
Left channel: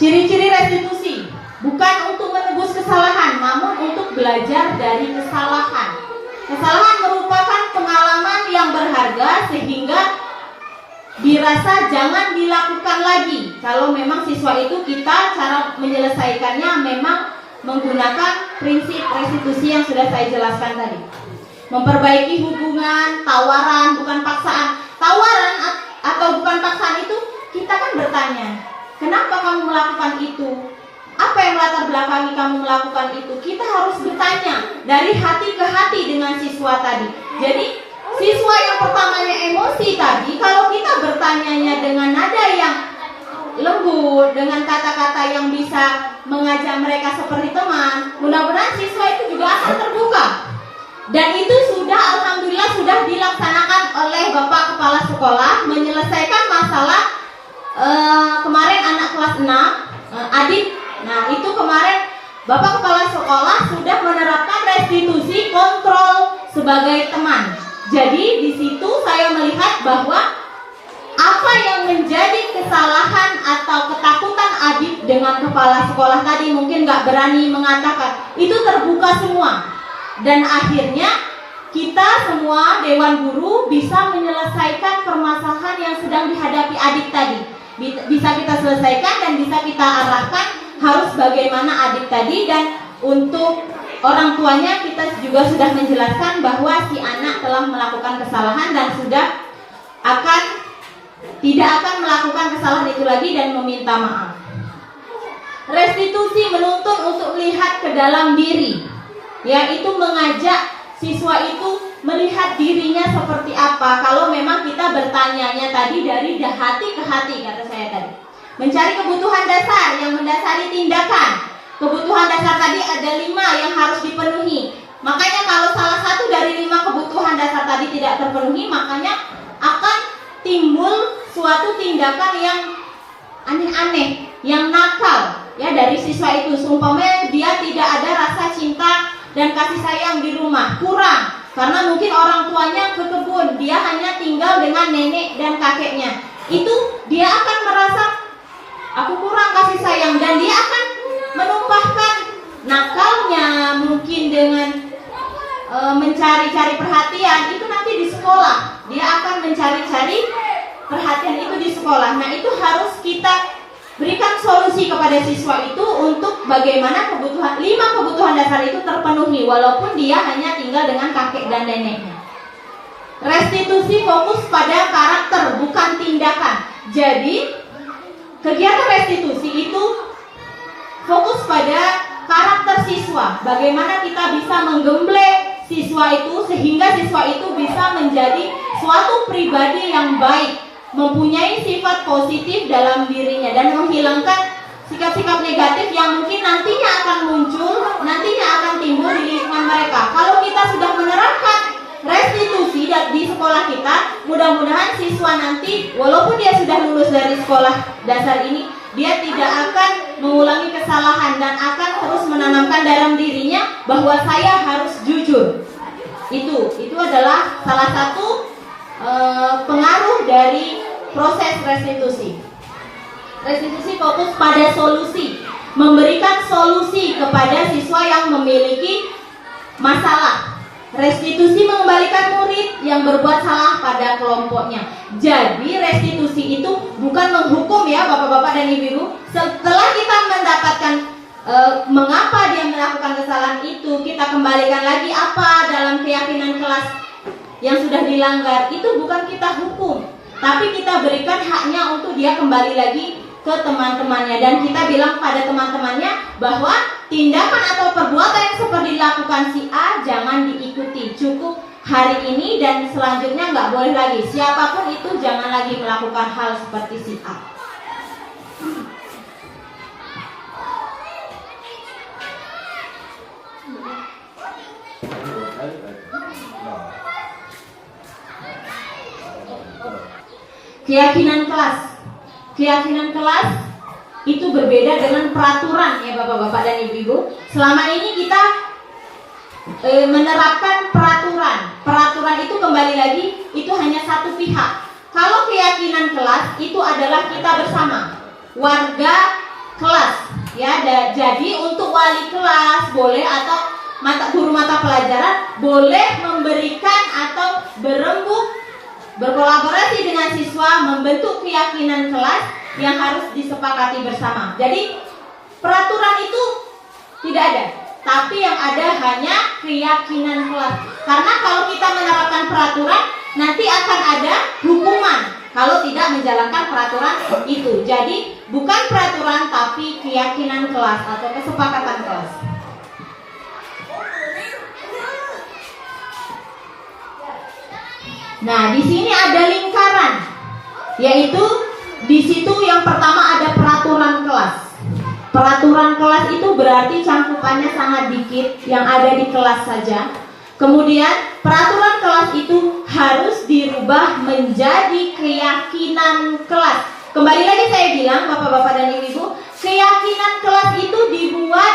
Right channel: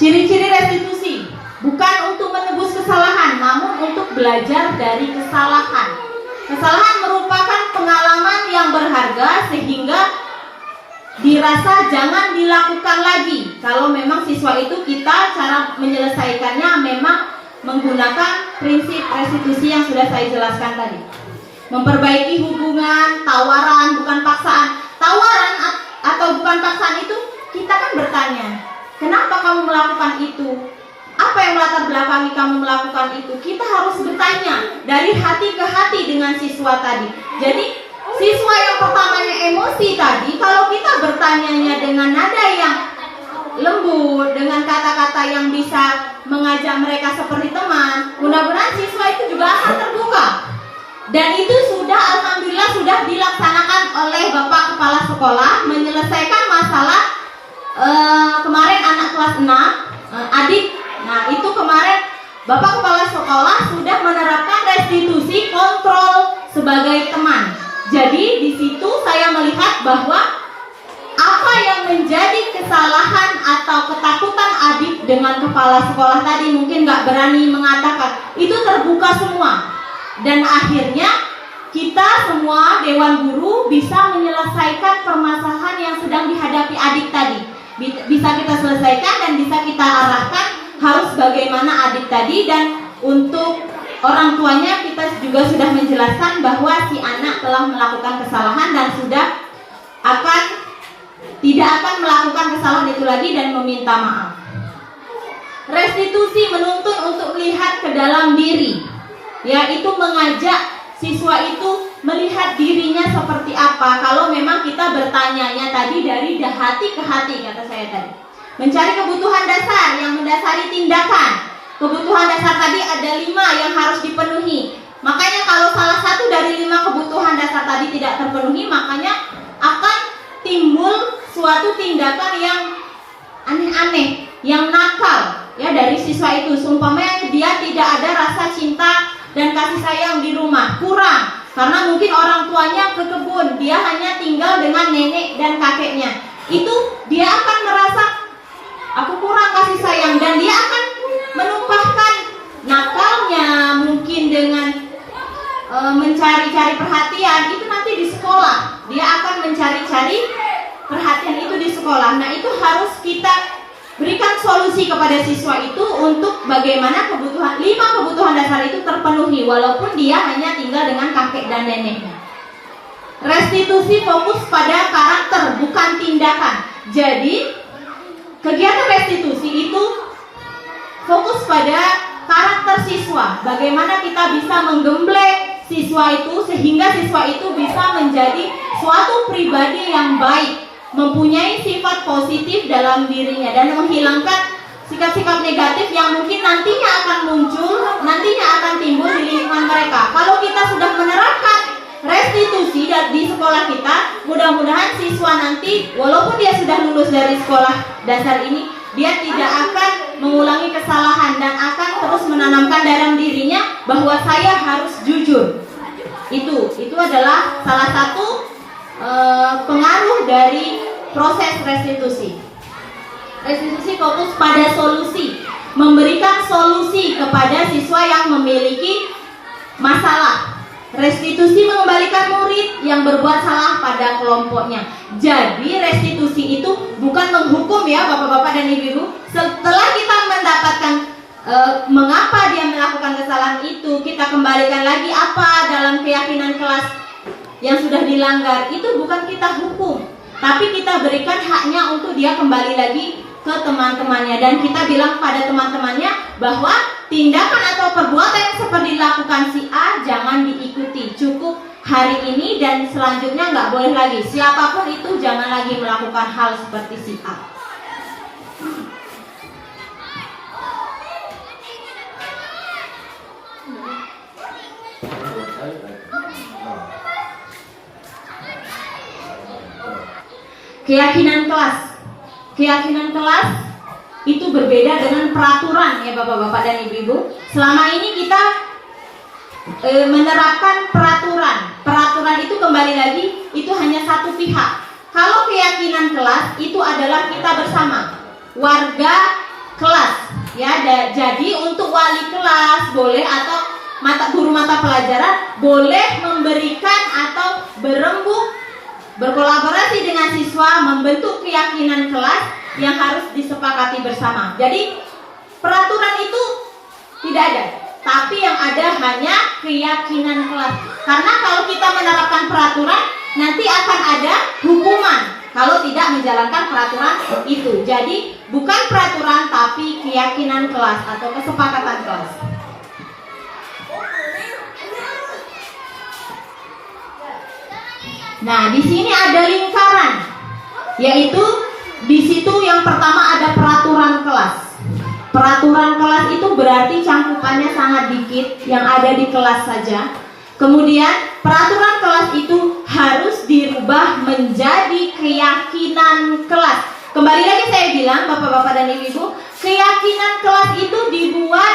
Ciri-ciri restitusi bukan untuk menebus kesalahan, namun untuk belajar dari kesalahan. Kesalahan merupakan pengalaman yang berharga sehingga dirasa jangan dilakukan lagi. Kalau memang siswa itu kita cara menyelesaikannya memang menggunakan prinsip restitusi yang sudah saya jelaskan tadi. Memperbaiki hubungan, tawaran bukan paksaan. Tawaran atau bukan paksaan itu kita kan bertanya, kenapa kamu melakukan itu? Apa yang latar belakangi kamu melakukan itu? Kita harus bertanya dari hati ke hati dengan siswa tadi. Jadi siswa yang pertamanya emosi tadi, kalau kita bertanyanya dengan nada yang lembut, dengan kata-kata yang bisa mengajak mereka seperti teman, mudah-mudahan siswa itu juga akan terbuka. Dan itu sudah alhamdulillah sudah dilaksanakan oleh Bapak Kepala Sekolah menyelesaikan masalah kemarin anak kelas 6 adik. Nah itu kemarin Bapak Kepala Sekolah sudah menerapkan restitusi kontrol sebagai teman. Jadi di situ saya melihat bahwa apa yang menjadi kesalahan atau ketakutan adik dengan kepala sekolah tadi mungkin nggak berani mengatakan, itu terbuka semua. Dan akhirnya kita semua Dewan Guru bisa menyelesaikan permasalahan yang sedang dihadapi adik tadi. Bisa kita selesaikan dan bisa kita arahkan harus bagaimana adik tadi, dan untuk orang tuanya kita juga sudah menjelaskan bahwa si anak telah melakukan kesalahan dan tidak akan melakukan kesalahan itu lagi dan meminta maaf. Restitusi menuntun untuk melihat ke dalam diri, yaitu mengajak siswa itu melihat dirinya seperti apa. Kalau memang kita bertanyanya tadi dari hati ke hati, kata saya tadi, mencari kebutuhan dasar yang mendasari tindakan. Kebutuhan dasar tadi ada 5 yang harus dipenuhi. Makanya kalau salah satu dari 5 kebutuhan dasar tadi tidak terpenuhi, makanya akan timbul suatu tindakan yang aneh-aneh, yang nakal ya dari siswa itu. Seumpamanya dia tidak ada rasa cinta dan kasih sayang di rumah, kurang karena mungkin orang tuanya ke kebun, dia hanya tinggal dengan nenek dan kakeknya. Itu dia akan merasa aku kurang kasih sayang, dan dia akan menumpahkan nakalnya mungkin dengan mencari-cari perhatian itu nanti di sekolah. Dia akan mencari-cari perhatian itu di sekolah. Nah, itu harus kita berikan solusi kepada siswa itu untuk bagaimana 5 kebutuhan dasar itu terpenuhi walaupun dia hanya tinggal dengan kakek dan neneknya. Restitusi fokus pada karakter bukan tindakan. Jadi kegiatan restitusi itu fokus pada karakter siswa. Bagaimana kita bisa menggembleng siswa itu sehingga siswa itu bisa menjadi suatu pribadi yang baik, mempunyai sifat positif dalam dirinya dan menghilangkan sikap-sikap negatif yang mungkin nantinya akan muncul, nantinya akan timbul di lingkungan mereka. Kalau kita sudah menerapkan restitusi di sekolah kita, mudah-mudahan siswa nanti walaupun dia sudah lulus dari sekolah dasar ini, dia tidak akan mengulangi kesalahan dan akan terus menanamkan dalam dirinya bahwa saya harus jujur. Itu adalah salah satu pengaruh dari proses restitusi. Restitusi fokus pada solusi, memberikan solusi kepada siswa yang memiliki masalah. Restitusi mengembalikan murid yang berbuat salah pada kelompoknya. Jadi restitusi itu bukan menghukum ya bapak-bapak dan ibu-ibu. Setelah kita mendapatkan mengapa dia melakukan kesalahan itu, kita kembalikan lagi apa dalam keyakinan kelas yang sudah dilanggar. Itu bukan kita hukum, tapi kita berikan haknya untuk dia kembali lagi ke teman-temannya. Dan kita bilang pada teman-temannya bahwa tindakan atau perbuatan yang seperti dilakukan si A jangan diikuti, cukup hari ini dan selanjutnya nggak boleh lagi. Siapapun itu jangan lagi melakukan hal seperti si A. Keyakinan kelas. Keyakinan kelas itu berbeda dengan peraturan ya bapak-bapak dan ibu-ibu. Selama ini kita menerapkan peraturan. Peraturan itu kembali lagi itu hanya satu pihak. Kalau keyakinan kelas itu adalah kita bersama, warga kelas ya. Jadi untuk wali kelas boleh atau guru mata pelajaran boleh memberikan atau berkolaborasi dengan siswa membentuk keyakinan kelas yang harus disepakati bersama. Jadi peraturan itu tidak ada, tapi yang ada hanya keyakinan kelas. Karena kalau kita menerapkan peraturan, nanti akan ada hukuman kalau tidak menjalankan peraturan itu. Jadi bukan peraturan tapi keyakinan kelas atau kesepakatan kelas. Nah, di sini ada lingkaran, yaitu di situ yang pertama ada peraturan kelas. Peraturan kelas itu berarti cangkupannya sangat dikit, yang ada di kelas saja. Kemudian peraturan kelas itu harus dirubah menjadi keyakinan kelas. Kembali lagi saya bilang bapak-bapak dan ibu-ibu, keyakinan kelas itu dibuat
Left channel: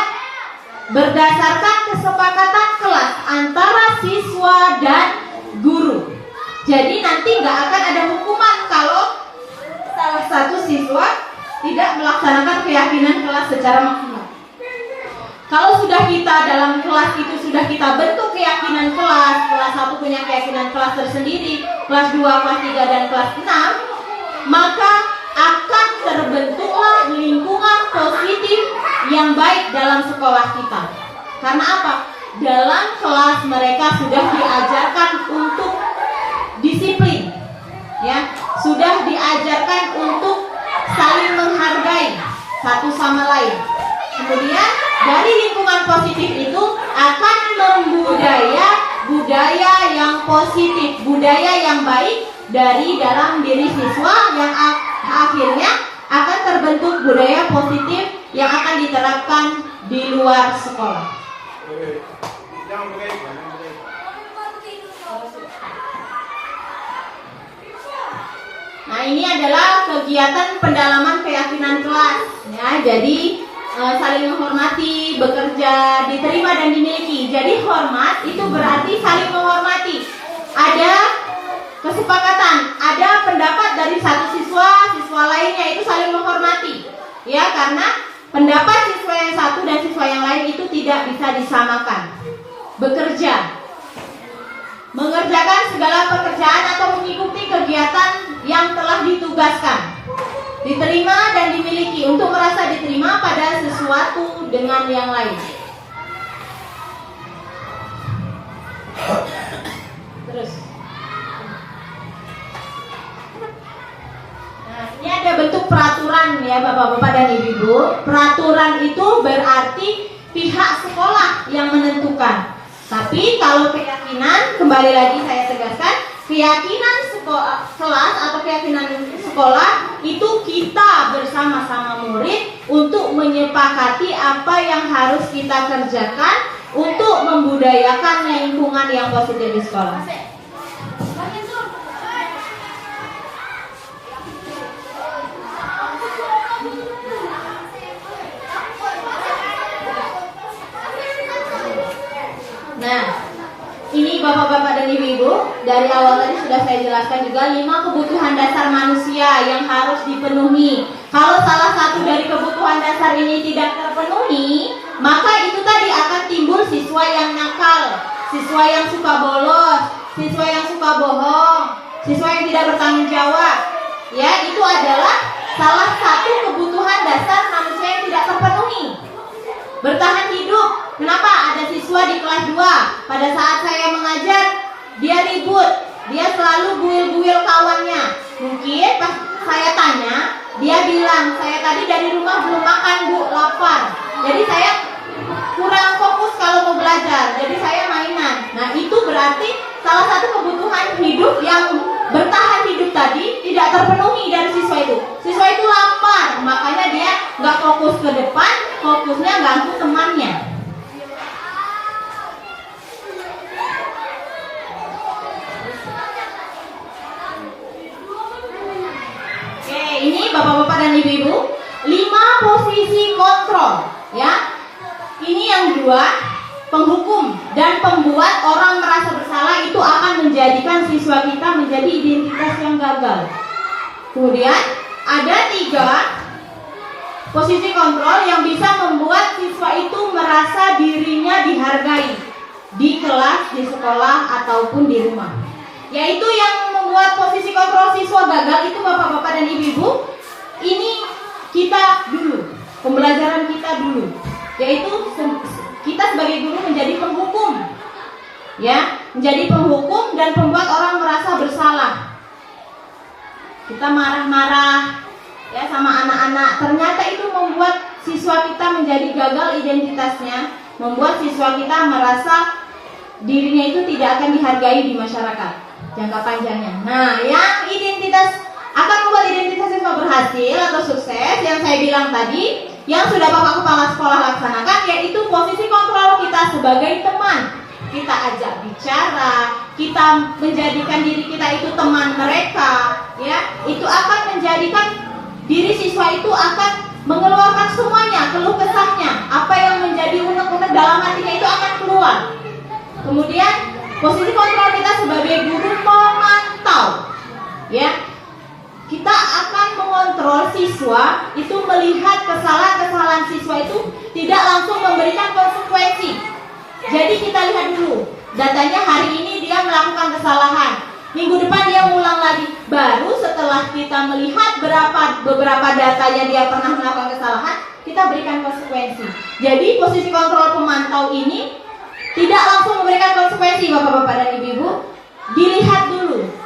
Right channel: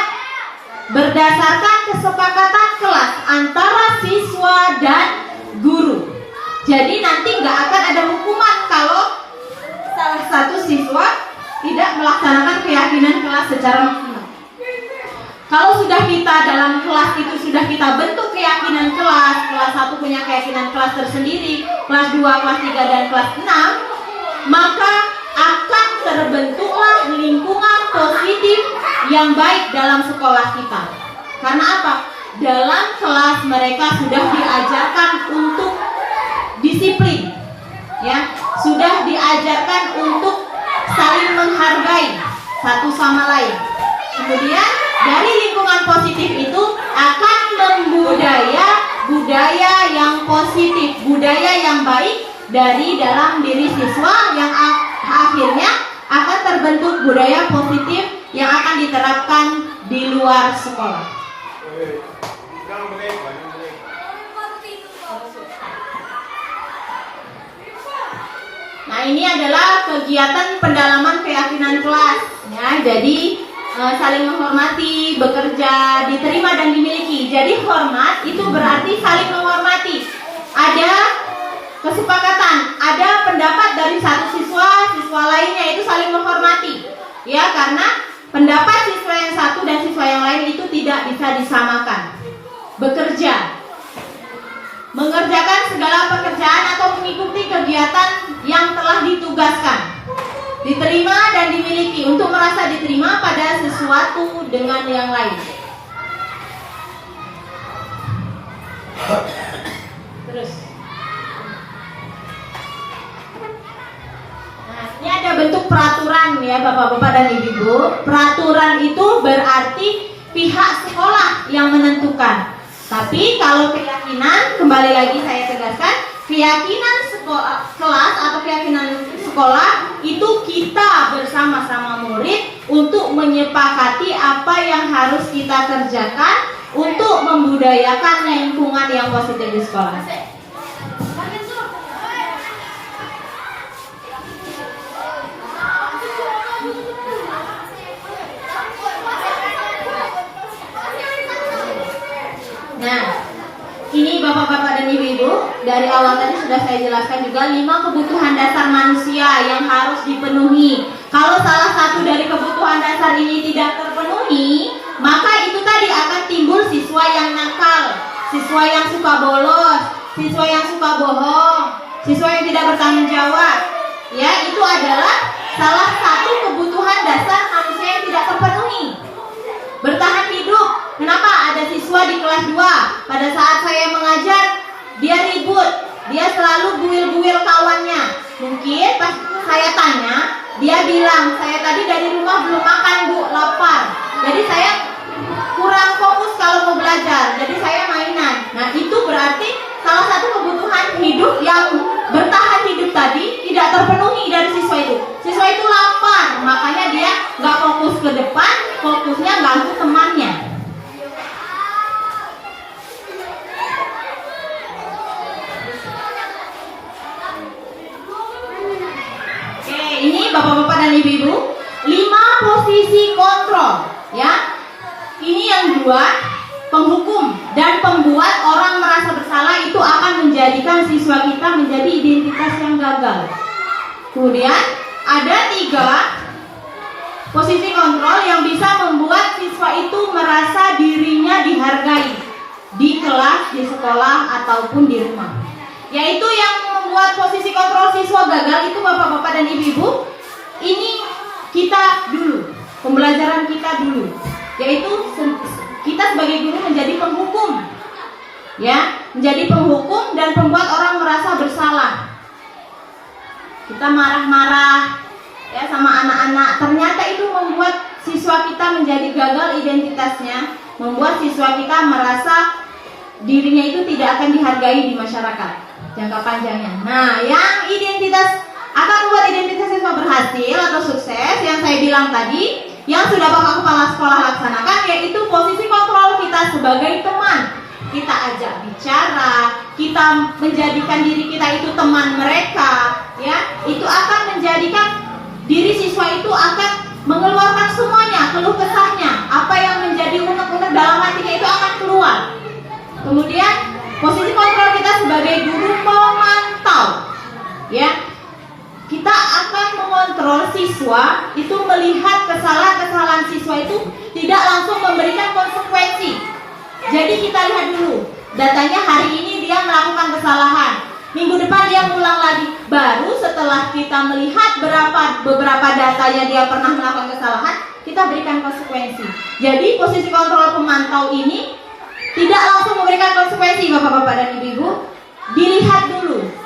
berdasarkan kesepakatan kelas antara siswa dan guru. Jadi nanti nggak akan ada hukuman kalau salah satu siswa tidak melaksanakan keyakinan kelas secara maksimal. Kalau sudah kita dalam kelas itu sudah kita bentuk keyakinan kelas, kelas 1 punya keyakinan kelas tersendiri, kelas 2, kelas 3, dan kelas 6, maka akan terbentuklah lingkungan positif yang baik dalam sekolah kita. Karena apa? dalam kelas mereka sudah diajarkan untuk disiplin, ya, sudah diajarkan untuk saling menghargai satu sama lain. Kemudian dari lingkungan positif itu akan budaya yang positif, budaya yang baik dari dalam diri siswa yang akhirnya akan terbentuk budaya positif yang akan diterapkan di luar sekolah. Nah, ini adalah kegiatan pendalaman keyakinan kelas, ya. Jadi saling menghormati, bekerja, diterima dan dimiliki. Jadi hormat itu berarti saling menghormati. Ada kesepakatan, ada pendapat dari satu siswa lainnya itu saling menghormati. Ya, karena pendapat siswa yang satu dan siswa yang lain itu tidak bisa disamakan. Bekerja, mengerjakan segala pekerjaan atau mengikuti kegiatan yang telah ditugaskan. Diterima dan dimiliki, untuk merasa diterima pada sesuatu dengan yang lain. Terus, nah, ini ada bentuk peraturan ya Bapak-bapak dan Ibu. Peraturan itu berarti pihak sekolah yang menentukan. Tapi kalau keyakinan, kembali lagi saya tegaskan, keyakinan kelas atau keyakinan sekolah itu kita bersama-sama murid untuk menyepakati apa yang harus kita kerjakan untuk membudayakan lingkungan yang positif di sekolah. Nah, ini Bapak-bapak dan Ibu-ibu, dari awal tadi sudah saya jelaskan juga 5 kebutuhan dasar manusia yang harus dipenuhi. Kalau salah satu dari kebutuhan dasar ini tidak terpenuhi, maka itu tadi akan timbul siswa yang nakal, siswa yang suka bolos, siswa yang suka bohong, siswa yang tidak bertanggung jawab. Ya, itu adalah salah satu kebutuhan dasar manusia yang tidak terpenuhi. Bertahan hidup. Kenapa? Ada siswa di kelas 2, pada saat saya mengajar dia ribut, dia selalu buil-buil kawannya. Mungkin pas saya tanya, dia bilang, saya tadi dari rumah belum makan Bu, lapar. Jadi saya kurang fokus kalau mau belajar, jadi saya mainan. Nah, itu berarti salah satu kebutuhan hidup yang bertahan hidup tadi tidak terpenuhi dari siswa itu. Siswa itu lapar, makanya dia nggak fokus ke depan, fokusnya ganggu temannya. Oke, ini Bapak-bapak dan Ibu-ibu, 5 posisi kontrol, ya. Ini yang 2, penghukum dan pembuat orang merasa bersalah itu akan menjadikan siswa kita menjadi identitas yang gagal. Kemudian ada 3 posisi kontrol yang bisa membuat siswa itu merasa dirinya dihargai di kelas, di sekolah ataupun di rumah. Yaitu yang membuat posisi kontrol siswa gagal itu Bapak-bapak dan Ibu-ibu, ini kita dulu, pembelajaran kita dulu, yaitu kita sebagai guru menjadi penghukum, ya, menjadi penghukum dan membuat orang merasa bersalah. Kita marah-marah, ya, sama anak-anak. Ternyata itu membuat siswa kita menjadi gagal identitasnya, membuat siswa kita merasa dirinya itu tidak akan dihargai di masyarakat jangka panjangnya. Nah, yang identitas akan membuat identitas siswa berhasil atau sukses yang saya bilang tadi, yang sudah Bapak Kepala Sekolah laksanakan, yaitu posisi kontrol kita sebagai teman. Kita ajak bicara, kita menjadikan diri kita itu teman mereka, ya. Itu akan menjadikan diri siswa itu akan mengeluarkan semuanya, keluh kesahnya, apa yang menjadi unek-unek dalam hatinya itu akan keluar. Kemudian posisi kontrol kita sebagai guru pemantau, ya. Kita akan mengontrol siswa itu melihat kesalahan-kesalahan siswa itu tidak langsung memberikan konsekuensi. Jadi kita lihat dulu, datanya hari ini dia melakukan kesalahan, minggu depan dia ulang lagi. Baru setelah kita melihat beberapa datanya dia pernah melakukan kesalahan, kita berikan konsekuensi. Jadi posisi kontrol pemantau ini tidak langsung memberikan konsekuensi Bapak-bapak dan Ibu-ibu.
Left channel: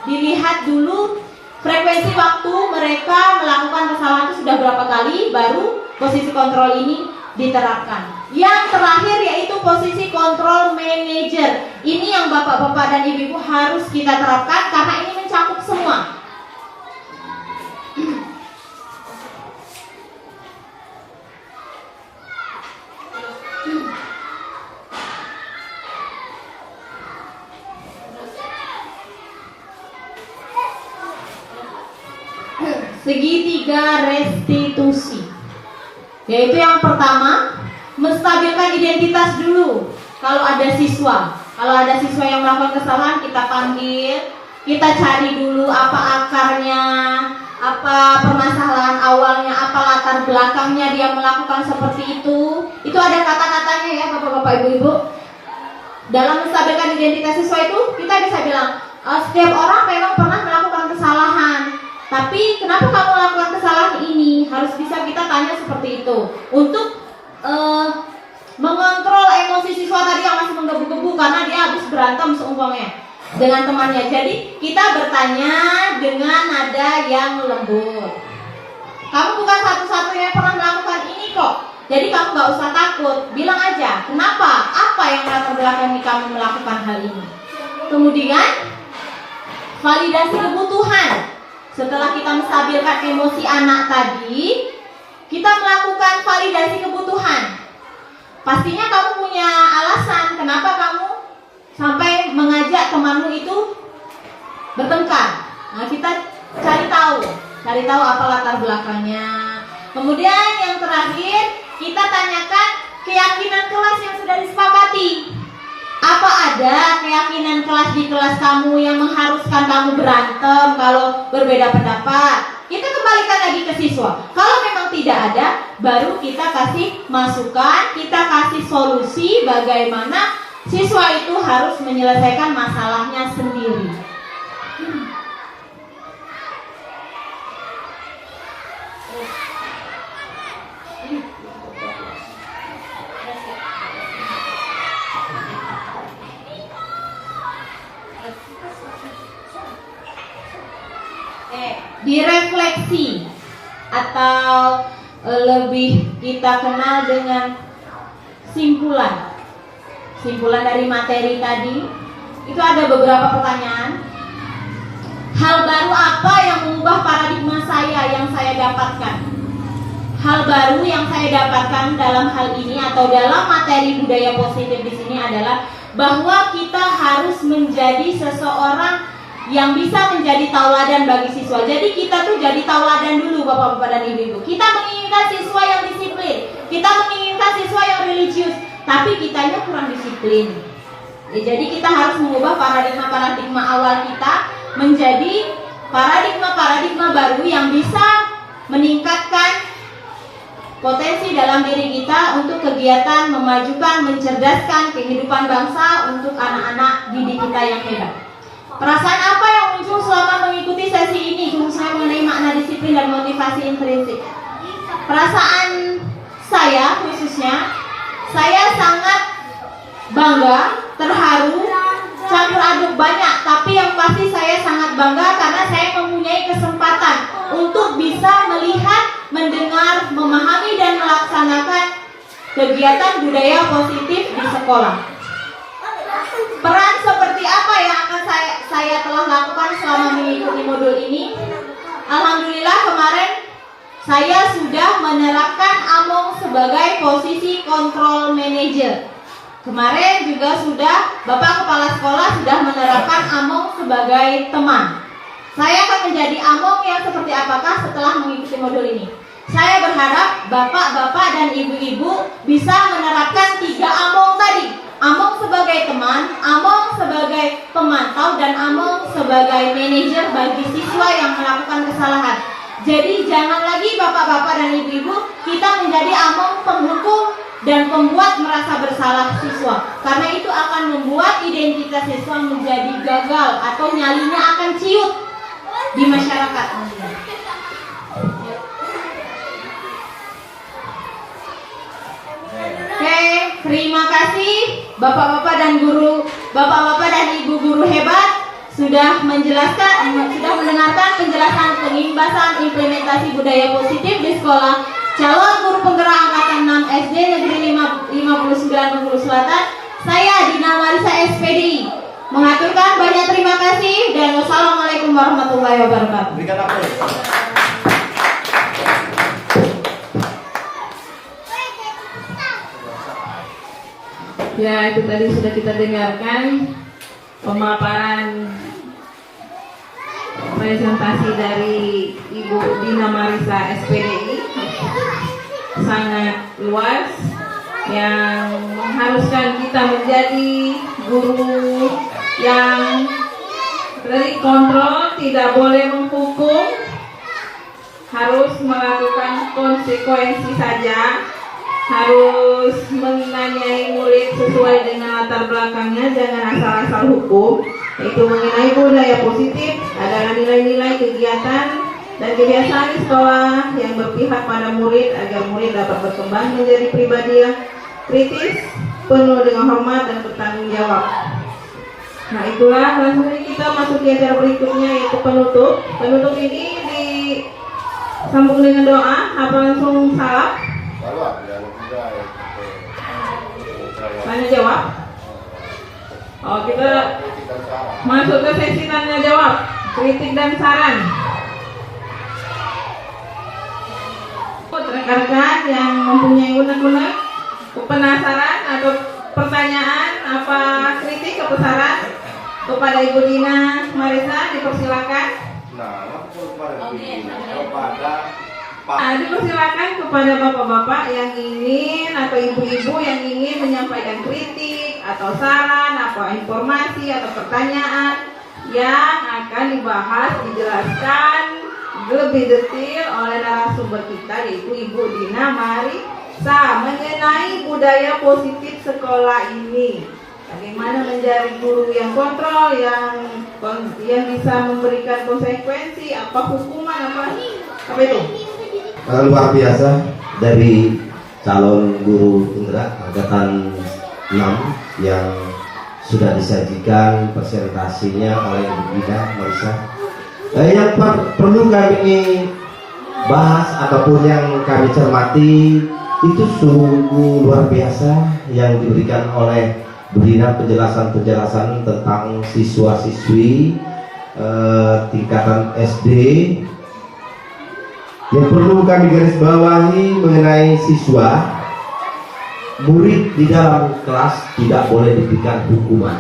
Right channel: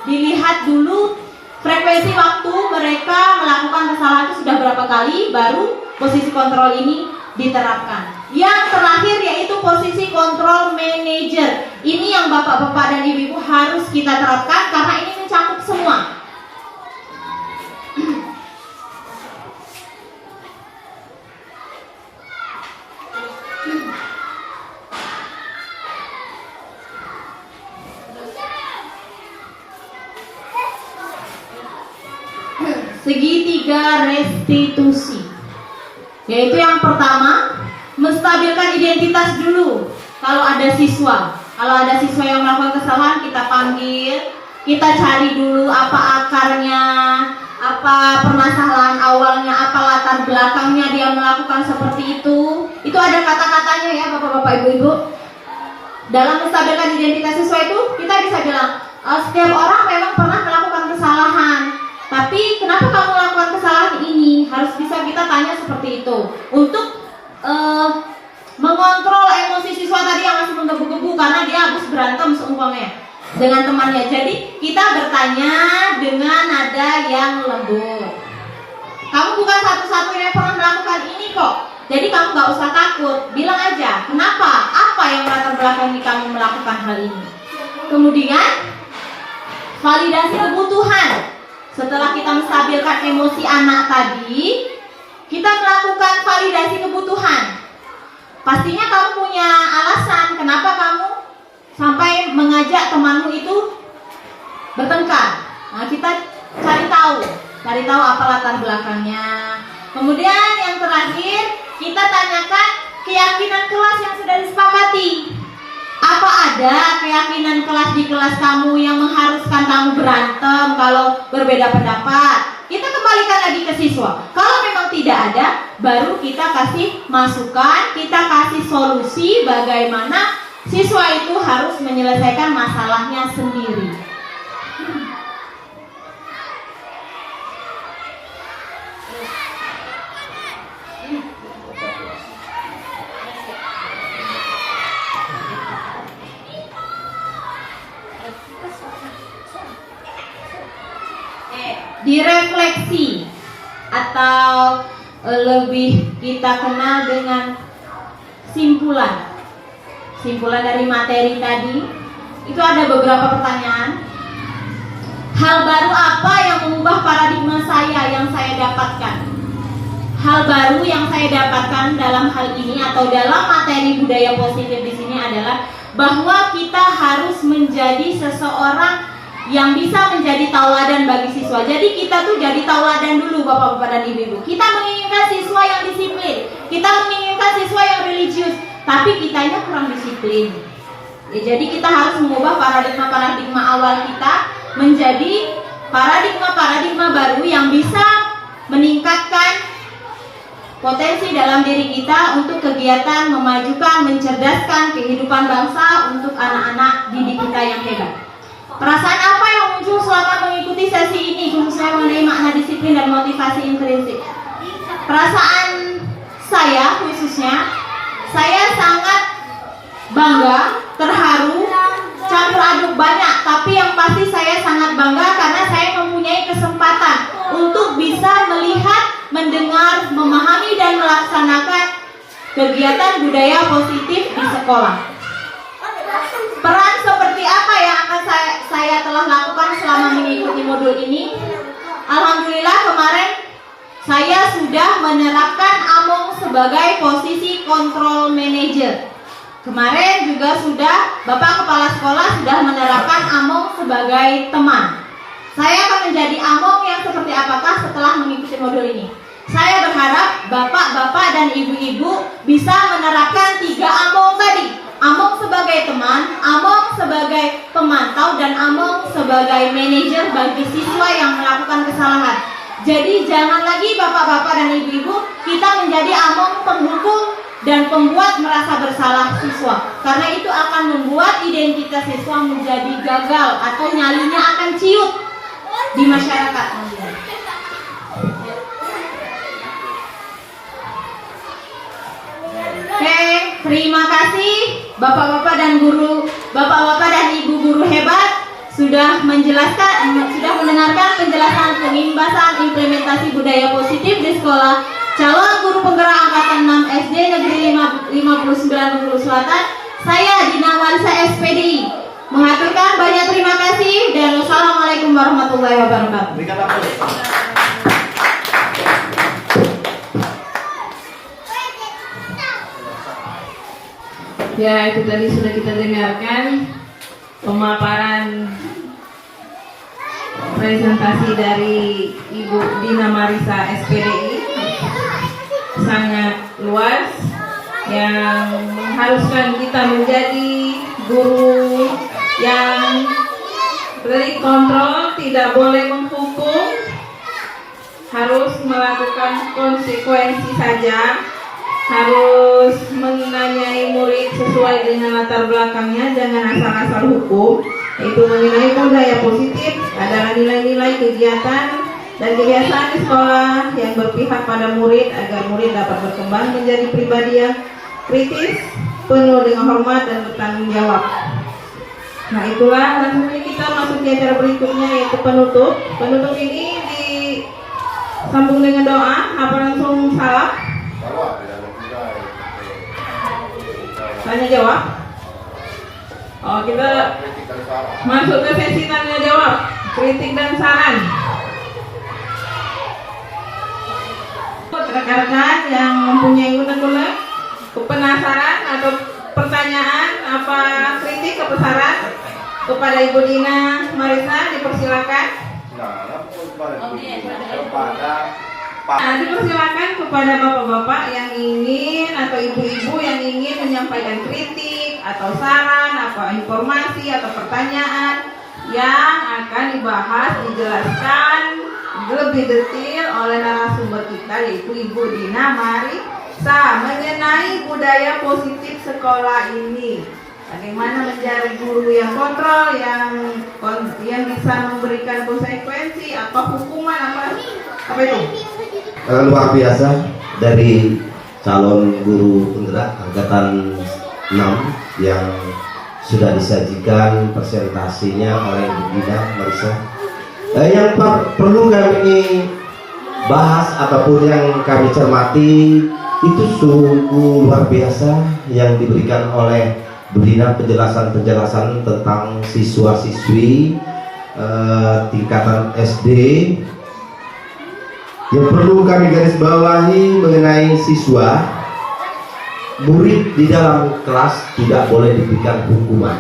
Dilihat dulu frekuensi waktu mereka melakukan kesalahan itu sudah berapa kali, baru posisi kontrol ini diterapkan. Yang terakhir yaitu posisi kontrol manager. Ini yang Bapak-bapak dan Ibu-ibu harus kita terapkan karena ini mencakup semua. Segitiga restitusi, yaitu yang pertama menstabilkan identitas dulu. Kalau ada siswa yang melakukan kesalahan, kita panggil, kita cari dulu apa akarnya, apa permasalahan awalnya, apa latar belakangnya dia melakukan seperti itu. Itu ada kata-katanya ya Bapak-bapak Ibu-ibu. Dalam menstabilkan identitas siswa itu kita bisa bilang, setiap orang memang pernah melakukan kesalahan. Tapi kenapa kamu melakukan kesalahan ini? Harus bisa kita tanya seperti itu untuk mengontrol emosi siswa tadi yang masih menggebu-gebu karena dia habis berantem seumpamanya dengan temannya. Jadi kita bertanya dengan nada yang lembut. Kamu bukan satu-satunya yang pernah melakukan ini kok. Jadi kamu gak usah takut. Bilang aja kenapa, apa yang latar belakang kamu melakukan hal ini. Kemudian validasi kebutuhan. Setelah kita menstabilkan emosi anak tadi, kita melakukan validasi kebutuhan. Pastinya kamu punya alasan kenapa kamu sampai mengajak temanmu itu bertengkar. Nah, kita cari tahu apa latar belakangnya. Kemudian yang terakhir, kita tanyakan keyakinan kelas yang sudah disepakati. Apa ada keyakinan kelas di kelas kamu yang mengharuskan kamu berantem kalau berbeda pendapat? Kita kembalikan lagi ke siswa. Kalau memang tidak ada, baru kita kasih masukan, kita kasih solusi bagaimana siswa itu harus menyelesaikan masalahnya sendiri. Direfleksi atau lebih kita kenal dengan simpulan dari materi tadi. Itu ada beberapa pertanyaan. Hal baru apa yang mengubah paradigma saya yang saya dapatkan? Hal baru yang saya dapatkan dalam hal ini atau dalam materi budaya positif di sini adalah bahwa kita harus menjadi seseorang yang bisa menjadi tauladan bagi siswa. Jadi kita tuh jadi tauladan dulu Bapak-bapak dan Ibu-ibu. Kita menginginkan siswa yang disiplin, kita menginginkan siswa yang religius, tapi kitanya kurang disiplin. Ya, jadi kita harus mengubah paradigma awal kita menjadi paradigma baru yang bisa meningkatkan potensi dalam diri kita untuk kegiatan memajukan, mencerdaskan kehidupan bangsa untuk anak-anak didik kita yang hebat. Perasaan apa yang muncul selama mengikuti sesi ini khususnya mengenai makna disiplin dan motivasi intrinsik? Perasaan saya khususnya, saya sangat bangga, terharu, campur aduk banyak. Tapi yang pasti saya sangat bangga karena saya mempunyai kesempatan untuk bisa melihat, mendengar, memahami dan melaksanakan kegiatan budaya positif di sekolah. Peran seperti apa yang akan saya telah lakukan selama mengikuti modul ini? Alhamdulillah kemarin saya sudah menerapkan Among sebagai posisi control manager. Kemarin juga sudah Bapak Kepala Sekolah sudah menerapkan Among sebagai teman. Saya akan menjadi Among yang seperti apakah setelah mengikuti modul ini? Saya berharap Bapak-bapak dan Ibu-ibu bisa menerapkan 3 Among tadi. Among sebagai teman, Among sebagai pemantau, dan Among sebagai manajer bagi siswa yang melakukan kesalahan. Jadi jangan lagi Bapak-bapak dan Ibu-ibu kita menjadi Among penghukum dan pembuat merasa bersalah siswa. Karena itu akan membuat identitas siswa menjadi gagal atau nyalinya akan ciut di masyarakat. Oke, terima kasih Bapak-bapak dan guru, bapak-bapak dan ibu guru hebat sudah mendengarkan penjelasan pengimbasan implementasi budaya positif di sekolah calon guru penggerak angkatan 6 SD Negeri 59 Bengkulu Selatan. Saya Dina Marisa SPDI mengaturkan banyak terima kasih dan wassalamualaikum warahmatullahi wabarakatuh. Ya, itu tadi sudah kita dengarkan pemaparan presentasi dari Ibu Dina Marisa SPDI, sangat luas yang mengharuskan kita menjadi guru yang beri kontrol, tidak boleh menghukum, harus melakukan konsekuensi saja, harus menanyai murid sesuai dengan latar belakangnya, jangan asal-asal hukum, yaitu mengenai budaya positif adalah nilai-nilai kegiatan dan kebiasaan di sekolah yang berpihak pada murid agar murid dapat berkembang menjadi pribadi yang kritis, penuh dengan hormat dan bertanggung jawab. Nah, itulah langsung kita masuk ke acara berikutnya, yaitu penutup. Penutup ini disambung dengan doa. Apa langsung salam? Tanya jawab. Oh, kita masuk ke sesi tanya jawab, kritik dan saran. Rekan-rekan yang mempunyai unek-unek, penasaran atau pertanyaan, apa kritik atau saran kepada Ibu Dina Marisa, dipersilakan. Dipersilakan kepada bapak-bapak yang ingin atau ibu-ibu yang ingin menyampaikan kritik atau saran, apa informasi atau pertanyaan yang akan dibahas, dijelaskan lebih detail oleh narasumber kita, yaitu Ibu Dina Marisa, mengenai budaya positif sekolah ini. Bagaimana menjadi guru yang kontrol, yang bisa memberikan konsekuensi, apa hukuman, apa itu? Luar biasa dari calon guru penggerak angkatan 6 yang sudah disajikan presentasinya oleh Ibu Dina Marisa. Yang perlu kami bahas ataupun yang kami cermati itu sungguh luar biasa yang diberikan oleh Bu Dina, penjelasan-penjelasan tentang siswa-siswi tingkatan SD. Yang perlu kami garis bawahi mengenai siswa, murid di dalam kelas tidak boleh diberikan hukuman.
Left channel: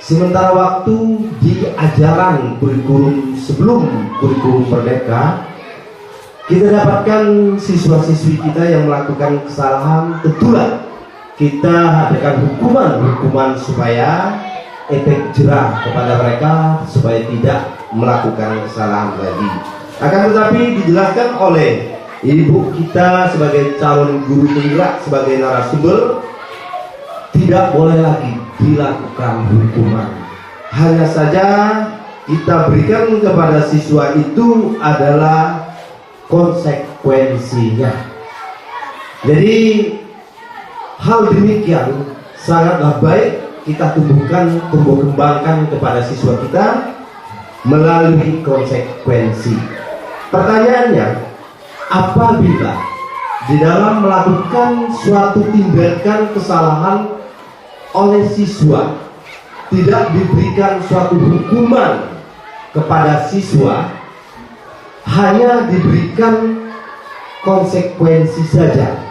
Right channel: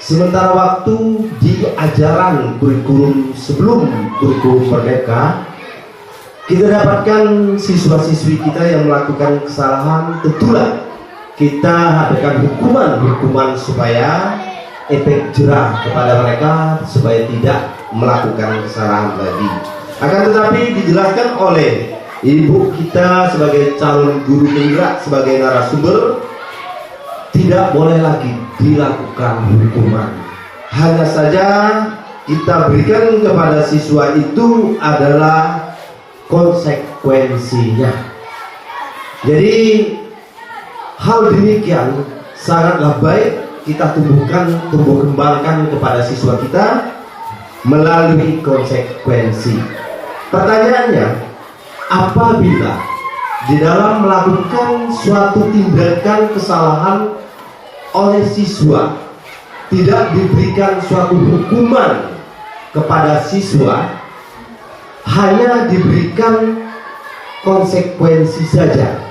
Sementara waktu di ajaran kurikulum sebelum kurikulum merdeka, kita dapatkan siswa-siswi kita yang melakukan kesalahan, tentulah kita hadirkan hukuman supaya efek jerah kepada mereka supaya tidak melakukan kesalahan lagi. Akan tetapi dijelaskan oleh ibu kita sebagai calon guru penggerak, sebagai narasumber, tidak boleh lagi dilakukan hukuman. Hanya saja kita berikan kepada siswa itu adalah konsekuensinya. Jadi hal demikian sangatlah baik kita tumbuh kembangkan kepada siswa kita melalui konsekuensi. Pertanyaannya, apabila di dalam melakukan suatu tindakan kesalahan oleh siswa tidak diberikan suatu hukuman kepada siswa, hanya diberikan konsekuensi saja.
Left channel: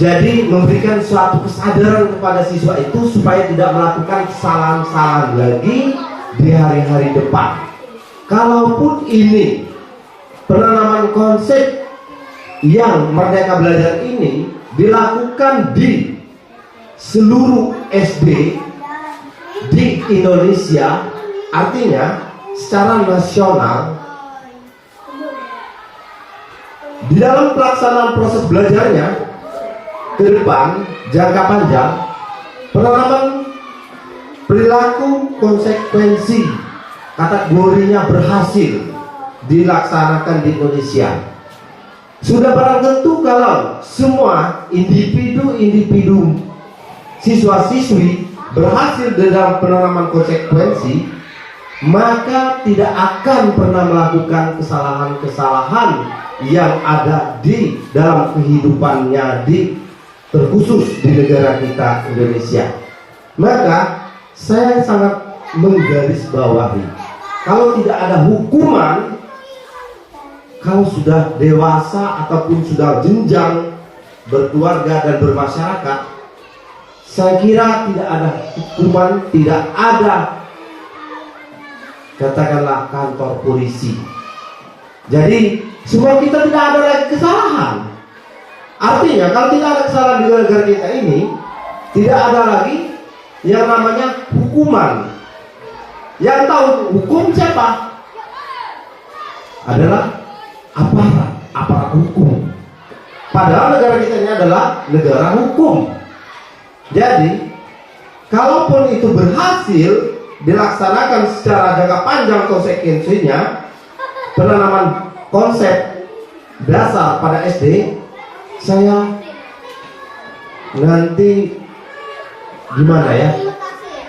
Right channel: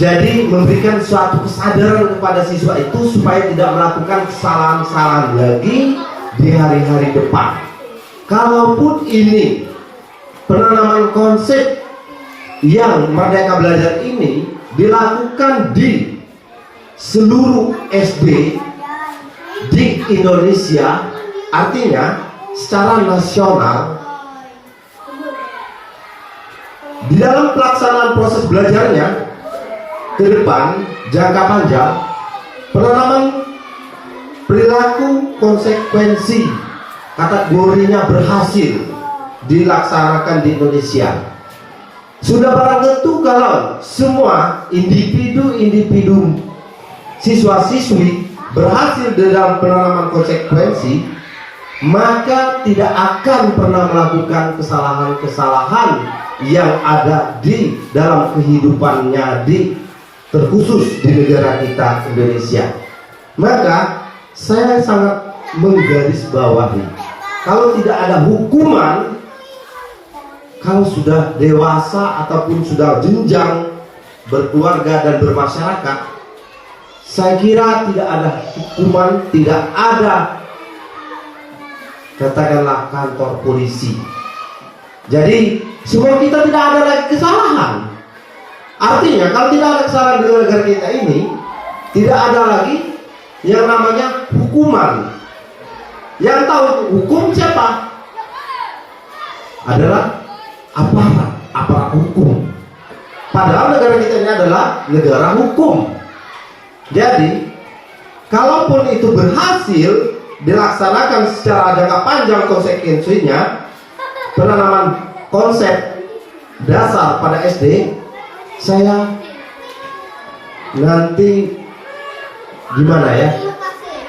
Jadi memberikan suatu kesadaran kepada siswa itu supaya tidak melakukan kesalahan-kesalahan lagi di hari-hari depan. Kalaupun ini penanaman konsep yang Merdeka Belajar ini dilakukan di seluruh SD di Indonesia, artinya secara nasional, di dalam pelaksanaan proses belajarnya ke depan jangka panjang, penanaman perilaku konsekuensi kategorinya berhasil dilaksanakan di Indonesia. Sudah barang tentu kalau semua individu siswa-siswi berhasil dalam penanaman konsekuensi, maka tidak akan pernah melakukan kesalahan-kesalahan yang ada di dalam kehidupannya terkhusus di negara kita Indonesia. Maka saya sangat menggarisbawahi, kalau tidak ada hukuman, kalau sudah dewasa ataupun sudah jenjang berkeluarga dan bermasyarakat, saya kira tidak ada hukuman, tidak ada katakanlah kantor polisi. Jadi semua kita tidak ada lagi kesalahan. Artinya kalau tidak ada kesalahan di negara kita ini, tidak ada lagi yang namanya hukuman. Yang tahu hukum siapa? Adalah aparat hukum. Padahal negara kita ini adalah negara hukum. Jadi kalaupun itu berhasil dilaksanakan secara jangka panjang konsekuensinya, penanaman konsep dasar pada SD, saya nanti gimana ya,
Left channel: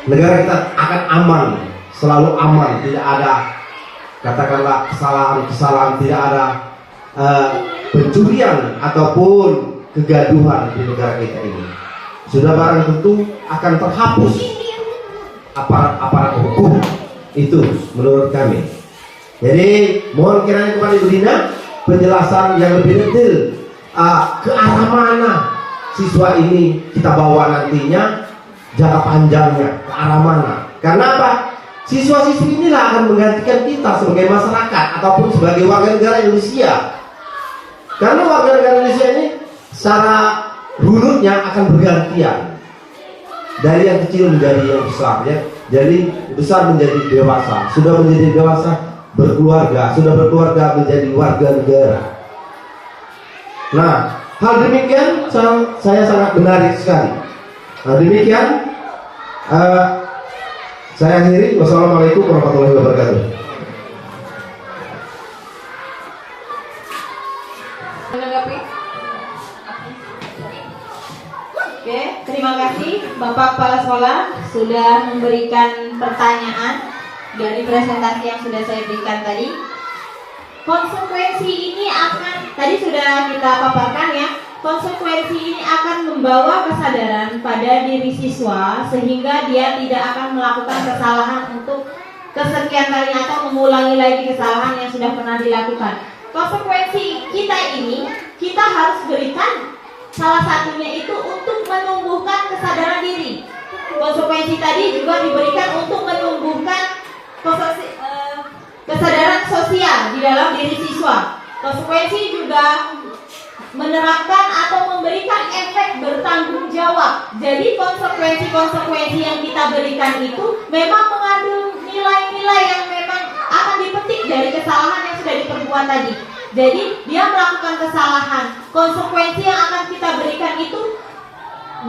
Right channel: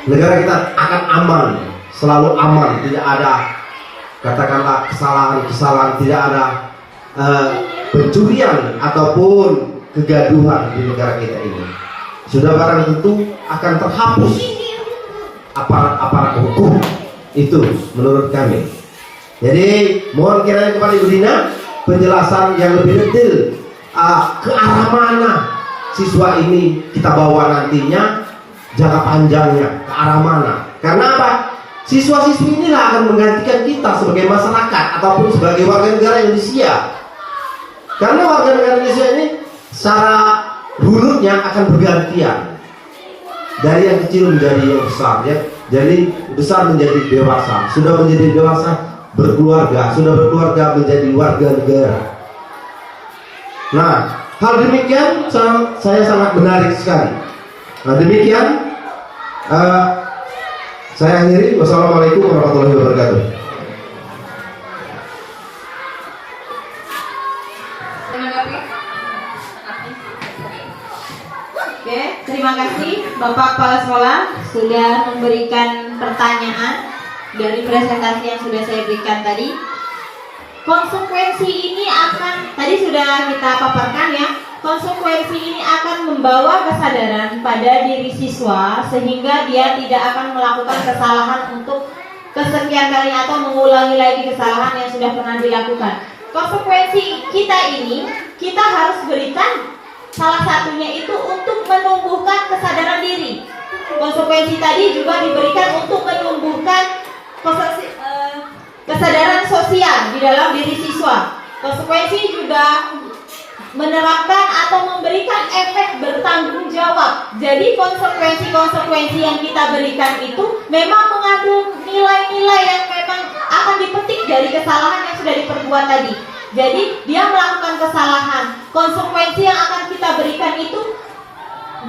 negara kita akan aman, selalu aman, tidak ada katakanlah kesalahan-kesalahan, tidak ada pencurian ataupun kegaduhan di negara kita ini. Sudah barang tentu akan terhapus aparat-aparat hukum itu menurut kami. Jadi mohon kiranya kepada Ibu Dina penjelasan yang lebih detail ke arah mana siswa ini kita bawa nantinya, jangka panjangnya ke arah mana. Karena apa? Siswa-siswi inilah akan menggantikan kita sebagai masyarakat ataupun sebagai warga negara Indonesia. Karena warga negara Indonesia ini secara runutnya akan bergantian dari yang kecil menjadi yang besar, ya. Jadi besar menjadi dewasa, sudah menjadi dewasa berkeluarga, sudah berkeluarga menjadi warga negara. Nah, hal demikian saya sangat menarik sekali. Nah, demikian saya akhiri. Wassalamualaikum warahmatullahi wabarakatuh. Oke, terima kasih Bapak Kepala Sekolah sudah memberikan pertanyaan dari presentasi yang sudah saya berikan tadi. Konsekuensi ini akan, tadi sudah kita paparkan ya, konsekuensi ini akan membawa kesadaran pada diri siswa sehingga dia tidak akan melakukan kesalahan untuk kesekian kalinya atau mengulangi lagi kesalahan yang sudah pernah dilakukan. Konsekuensi kita ini kita harus berikan, salah satunya itu untuk menumbuhkan kesadaran diri. Konsekuensi tadi juga diberikan untuk menumbuhkan kesadaran sosial di dalam diri siswa. Konsekuensi juga menerapkan atau memberikan efek bertanggung jawab. Jadi konsekuensi-konsekuensi yang kita berikan itu memang mengandung nilai-nilai yang memang akan dipetik dari kesalahan yang sudah diperbuat tadi. Jadi dia melakukan kesalahan, konsekuensi yang akan kita berikan itu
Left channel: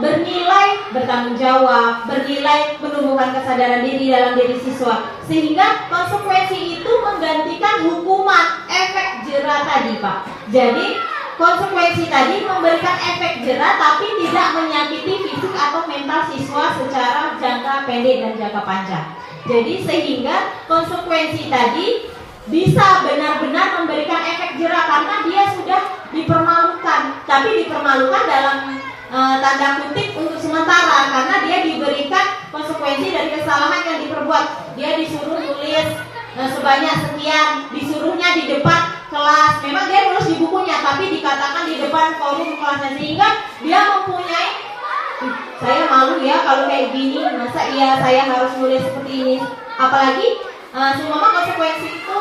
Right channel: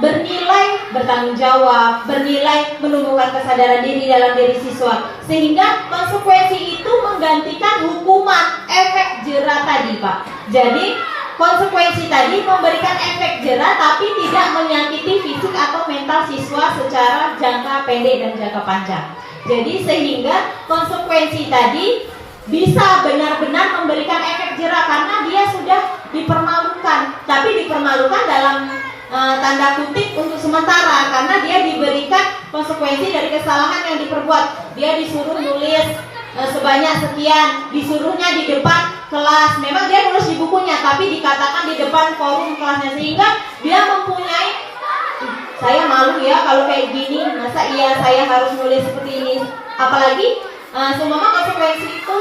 bernilai bertanggung jawab, bernilai menumbuhkan kesadaran diri dalam diri siswa. Sehingga konsekuensi itu menggantikan hukuman, efek jera tadi, Pak. Jadi konsekuensi tadi memberikan efek jera tapi tidak menyakiti fisik atau mental siswa secara jangka pendek dan jangka panjang. Jadi sehingga konsekuensi tadi bisa benar-benar memberikan efek jera karena dia sudah dipermalukan. Tapi dipermalukan dalam tanda kutip untuk sementara karena dia diberikan konsekuensi dari kesalahan yang diperbuat. Dia disuruh nulis sebanyak sekian, disuruhnya di depan kelas. Memang dia nulis di bukunya tapi dikatakan di depan forum kelasnya, sehingga dia mempunyai, saya malu ya kalau kayak gini, masa iya saya harus nulis seperti ini. Apalagi semua konsekuensi itu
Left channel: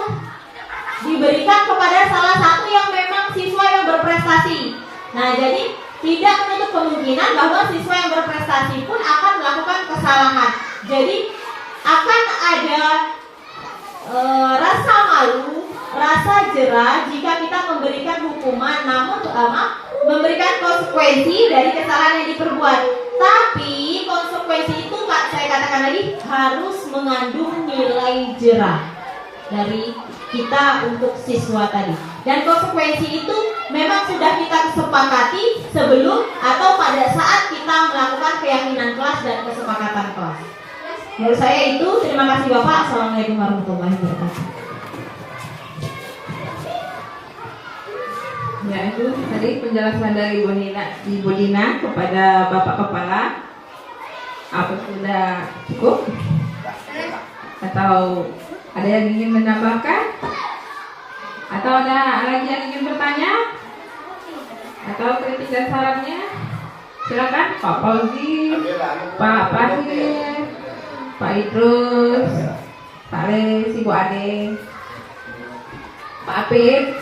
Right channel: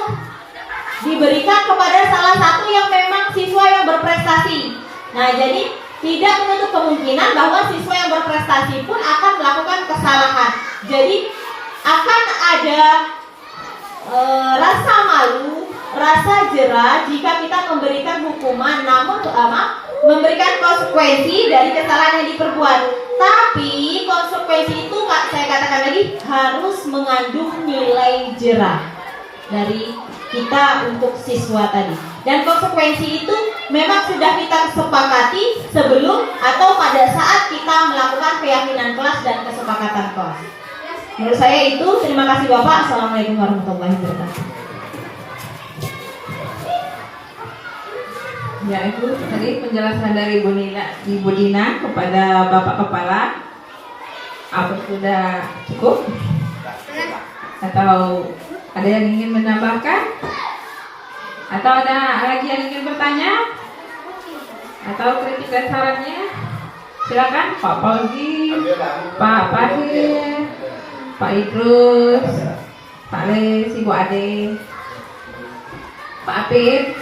diberikan kepada salah satu yang memang siswa yang berprestasi. Nah, jadi tidak menutup kemungkinan bahwa siswa yang berprestasi pun akan melakukan kesalahan. Jadi akan ada rasa malu, rasa jera jika kita memberikan hukuman, namun memberikan konsekuensi dari kesalahan yang diperbuat. Tapi konsekuensi itu saya katakan lagi harus mengandung nilai jera. dari kita untuk siswa tadi. Dan konsekuensi itu memang sudah kita sepakati sebelum atau pada saat kita melakukan keyakinan kelas dan kesepakatan kelas. Menurut saya itu. Terima kasih Bapak. Assalamualaikum warahmatullahi wabarakatuh. Ya, itu tadi penjelasan dari Ibu Dina kepada Bapak Kepala. Apa sudah cukup? Atau ada yang ingin menambahkan? Atau ada lagi yang ingin bertanya? Atau kritik dan sarannya? Silakan Pak Fauzi, Pak Fadil, Pak Idrus, Pak Les, Ibu Ade, Pak Apip.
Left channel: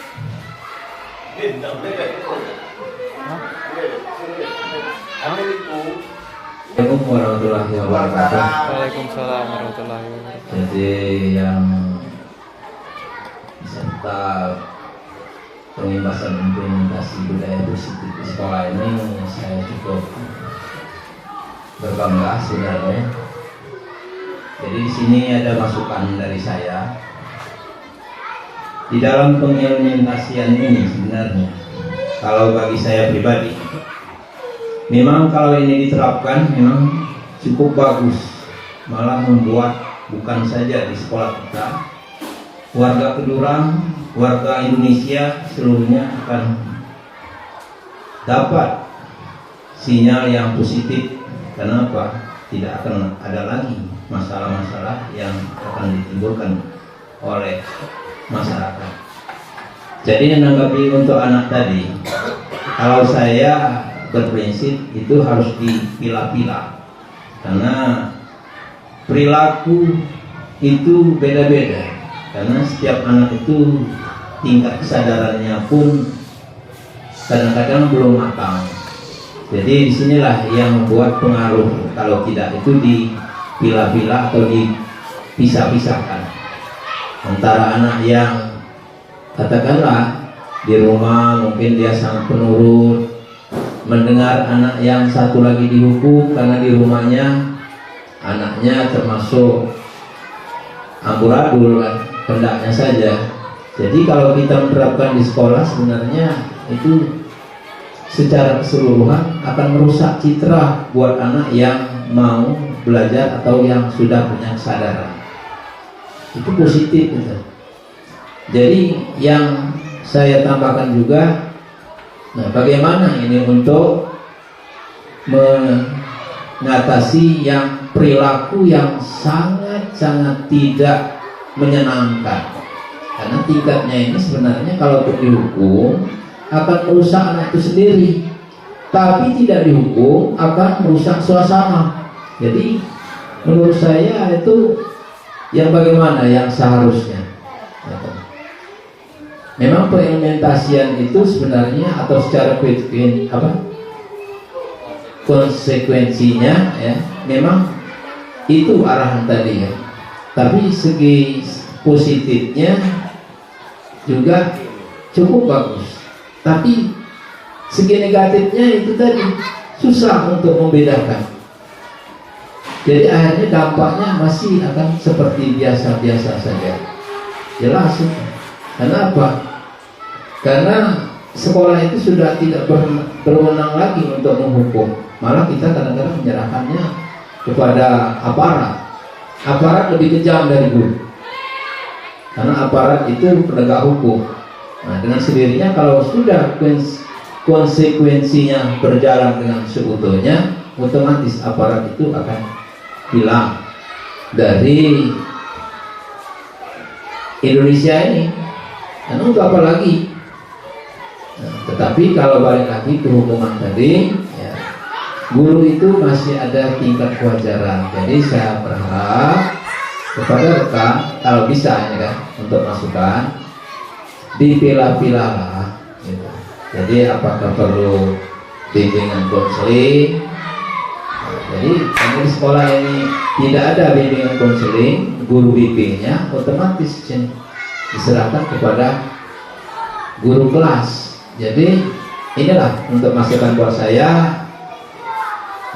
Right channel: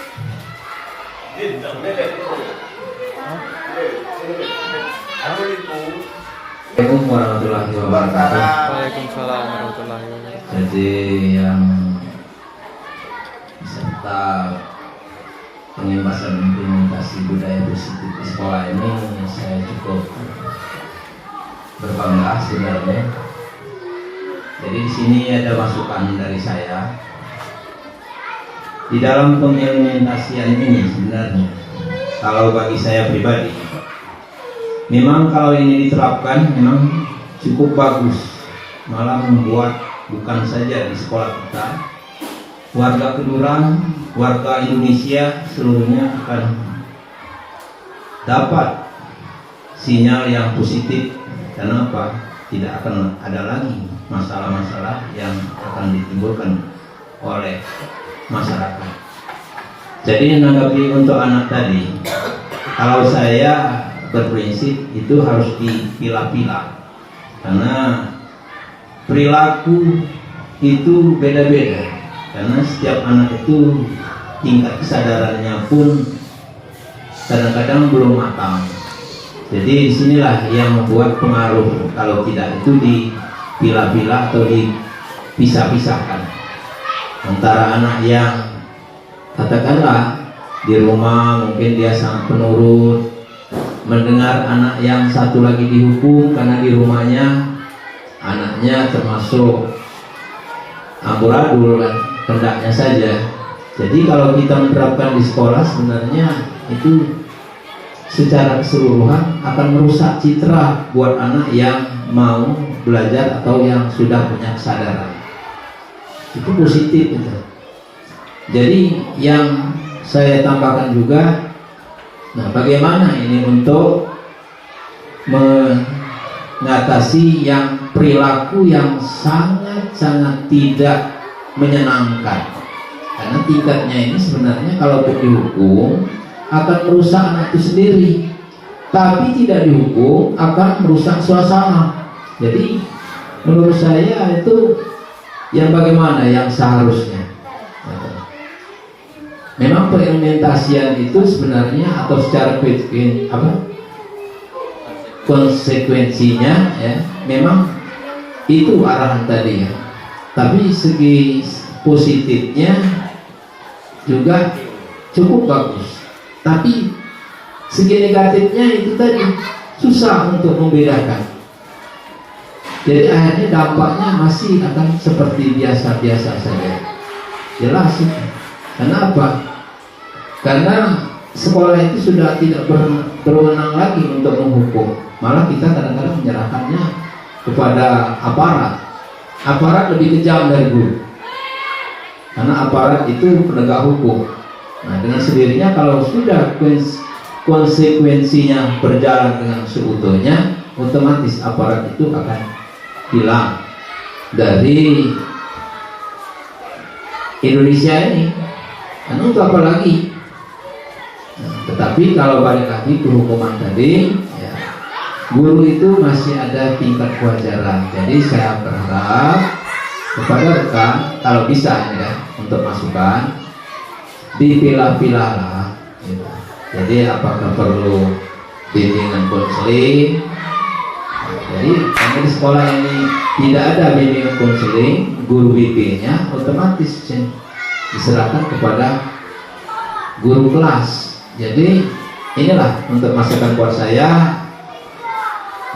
Assalamualaikum warahmatullahi wabarakatuh. Waalaikumsalam warahmatullahi wabarakatuh. Jadi yang beserta pengimpasan implementasi budaya bersih di sekolah ini saya cukup berbangga sebenarnya. Jadi di sini ada masukan dari saya di dalam pengimplementasian ini sebenarnya. Kalau bagi saya pribadi, memang kalau ini diterapkan memang cukup bagus, malah membuat bukan saja di sekolah kita, warga Kedurang, warga Indonesia seluruhnya akan dapat sinyal yang positif. Karena apa? Tidak akan ada lagi masalah-masalah yang akan ditimbulkan oleh masyarakat. Jadi menanggapi untuk anak tadi, kalau saya berprinsip itu harus dipilah-pilah, karena perilaku itu beda-beda, karena setiap anak itu tingkat kesadarannya pun kadang-kadang belum matang. Jadi disinilah yang membuat pengaruh kalau tidak itu dipilah-pilah atau dipisah-pisahkan antara anak yang katakanlah di rumah mungkin dia sangat penurut, mendengar anak yang satu lagi dihukum karena di rumahnya anaknya termasuk amburadul kan, hendaknya saja. Jadi kalau kita menerapkan di sekolah sebenarnya itu secara keseluruhan akan merusak citra buat anak yang mau belajar atau yang sudah punya kesadaran. Itu positif gitu. Jadi yang saya tambahkan juga, nah bagaimana ini untuk mengatasi yang perilaku yang sangat-sangat tidak menyenangkan. Karena tingkatnya ini sebenarnya kalau dihukum akan merusak anak itu sendiri, tapi tidak dihukum akan merusak suasana. Jadi menurut saya itu yang bagaimana yang seharusnya. Memang pengimplementasian itu sebenarnya atau secara konsekuensinya ya, memang itu arahan tadi ya. Tapi segi positifnya juga cukup bagus. Tapi segi negatifnya itu tadi susah untuk membedakan. Jadi akhirnya dampaknya masih akan seperti biasa-biasa saja. Jelas itu. Karena apa? Karena sekolah itu sudah tidak berwenang lagi untuk menghukum. Malah kita kadang-kadang menyerahkannya kepada aparat. Aparat lebih kejam dari guru. Karena aparat itu penegak hukum. Nah, dengan sendirinya kalau sudah konsekuensinya berjalan dengan seutuhnya, otomatis aparat itu akan hilang dari Indonesia ini. Untuk apa lagi? Nah, tetapi kalau balik lagi ke hukuman tadi, ya, guru itu masih ada tingkat kewajaran. Jadi saya berharap kepada rekan, kalau bisa ya, untuk masukan, dipilah-pilahlah. Gitu. Jadi apakah perlu bimbingan konseling? Jadi kamu di sekolah ini tidak ada bimbingan konseling, guru bimbingnya otomatis diserahkan kepada guru kelas. Jadi inilah untuk masukan buat saya.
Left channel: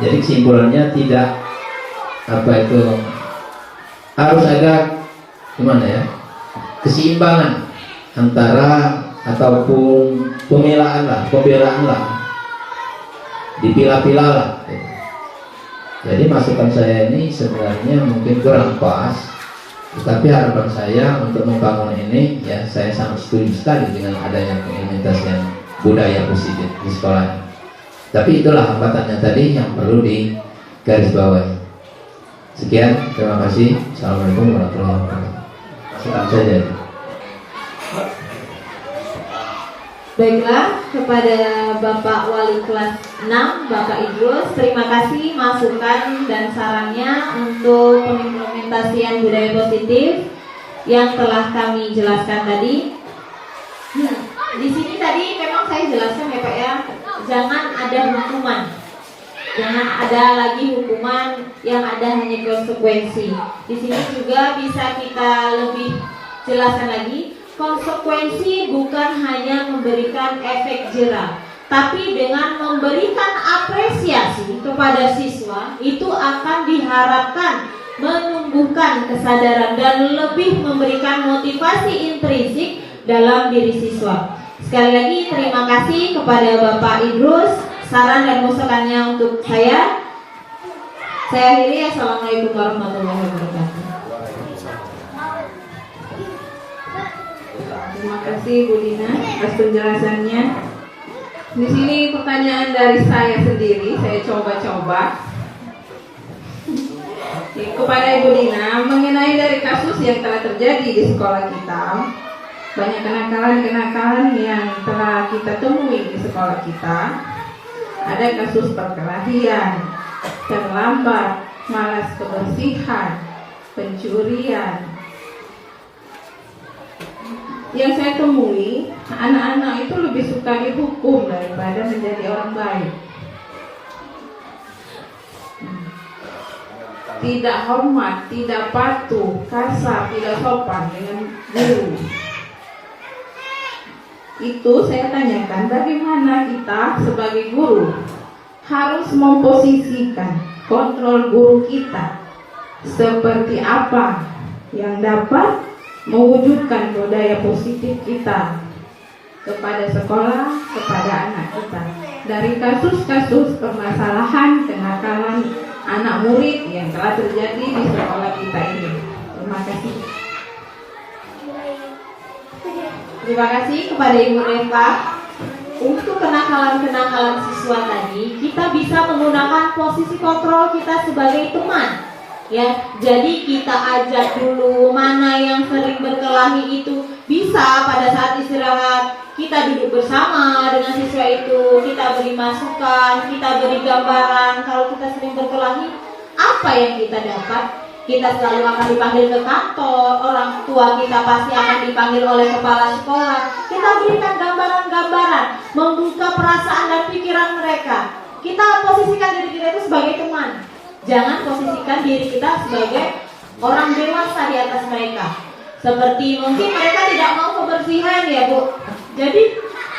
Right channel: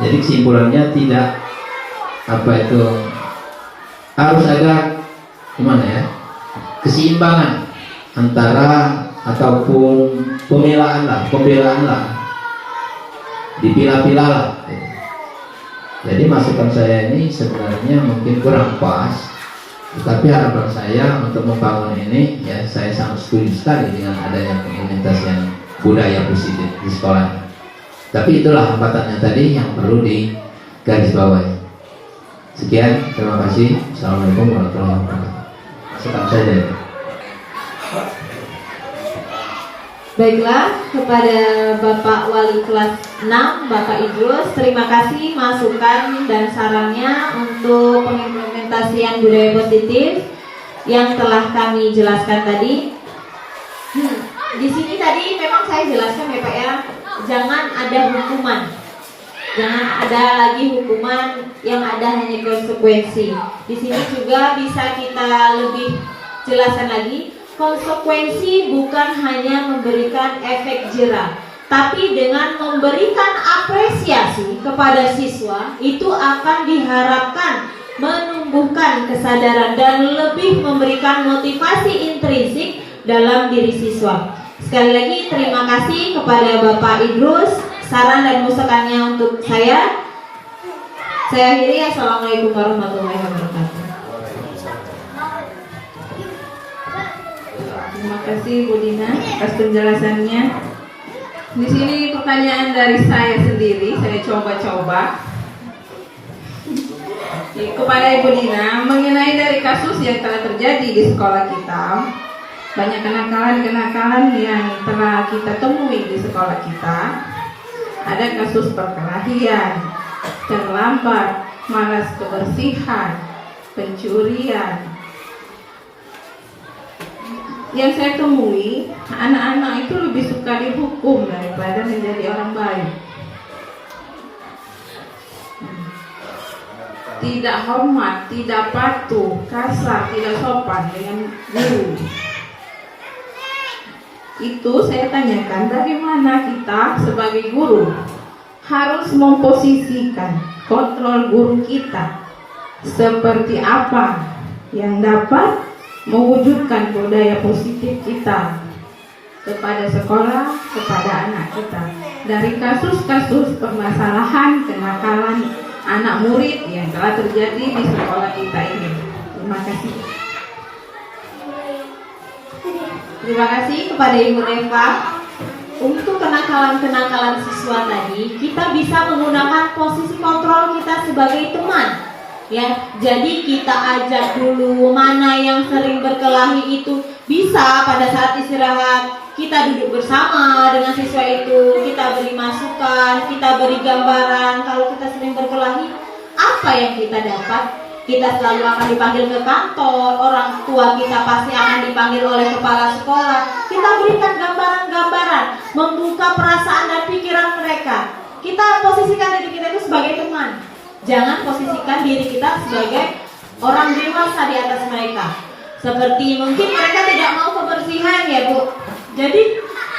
Jadi kesimpulannya tidak apa itu harus ada gimana ya, keseimbangan antara ataupun pembelaan lah, dipilah-pilah lah. Jadi masukan saya ini sebenarnya mungkin kurang pas, tetapi harapan saya untuk membangun ini, ya saya sangat setuju sekali dengan adanya pengimplementasian budaya positif di sekolah. Tapi itulah hambatannya tadi yang perlu digarisbawahi. Sekian, terima kasih. Assalamualaikum warahmatullahi wabarakatuh. Masukan saja. Baiklah, kepada Bapak Wali kelas 6, Bapak Idrus, terima kasih masukan dan sarannya untuk pengimplementasian budaya positif yang telah kami jelaskan tadi. Di sini tadi memang saya jelaskan ya Pak ya, jangan ada hukuman. Jangan ada lagi hukuman, yang ada hanya konsekuensi. Di sini juga bisa kita lebih jelaskan lagi. Konsekuensi bukan hanya memberikan efek jera, tapi dengan memberikan apresiasi kepada siswa, itu akan diharapkan menumbuhkan kesadaran dan lebih memberikan motivasi intrinsik dalam diri siswa. Sekali lagi terima kasih kepada Bapak Idrus, saran dan masukannya untuk saya. Saya akhiri, assalamualaikum warahmatullahi wabarakatuh. Terima kasih Bu Dina atas penjelasannya. Di sini pertanyaan dari saya sendiri, saya coba-coba kepada Ibu Dina mengenai dari kasus yang telah terjadi di sekolah kita. Banyak kenakalan-kenakalan yang telah kita temui di sekolah kita. Ada kasus perkelahian, terlambat, malas kebersihan, pencurian. Yang saya temui, anak-anak itu lebih suka dihukum daripada menjadi orang baik. Tidak hormat, tidak patuh, kasar, tidak sopan dengan guru. Itu saya tanyakan, bagaimana kita sebagai guru harus memposisikan kontrol guru kita seperti apa yang dapat mewujudkan budaya positif kita kepada sekolah, kepada anak kita. Dari kasus-kasus permasalahan kenakalan anak murid yang telah terjadi di sekolah kita ini. Terima kasih. Terima kasih kepada Ibu Reva. Untuk kenakalan-kenakalan siswa tadi, kita bisa menggunakan posisi kontrol kita sebagai teman. Ya, jadi kita ajak dulu mana yang sering berkelahi itu, bisa pada saat istirahat kita duduk bersama dengan siswa itu, kita beri masukan, kita beri gambaran. Kalau kita sering berkelahi, apa yang kita dapat? Kita selalu akan dipanggil ke kantor, orang tua kita pasti akan dipanggil oleh kepala sekolah. Kita berikan gambaran-gambaran, membuka perasaan dan pikiran mereka. Kita posisikan diri kita itu sebagai teman. Jangan posisikan diri kita sebagai orang dewasa di atas mereka. Seperti mungkin mereka tidak mau kebersihan ya Bu. Jadi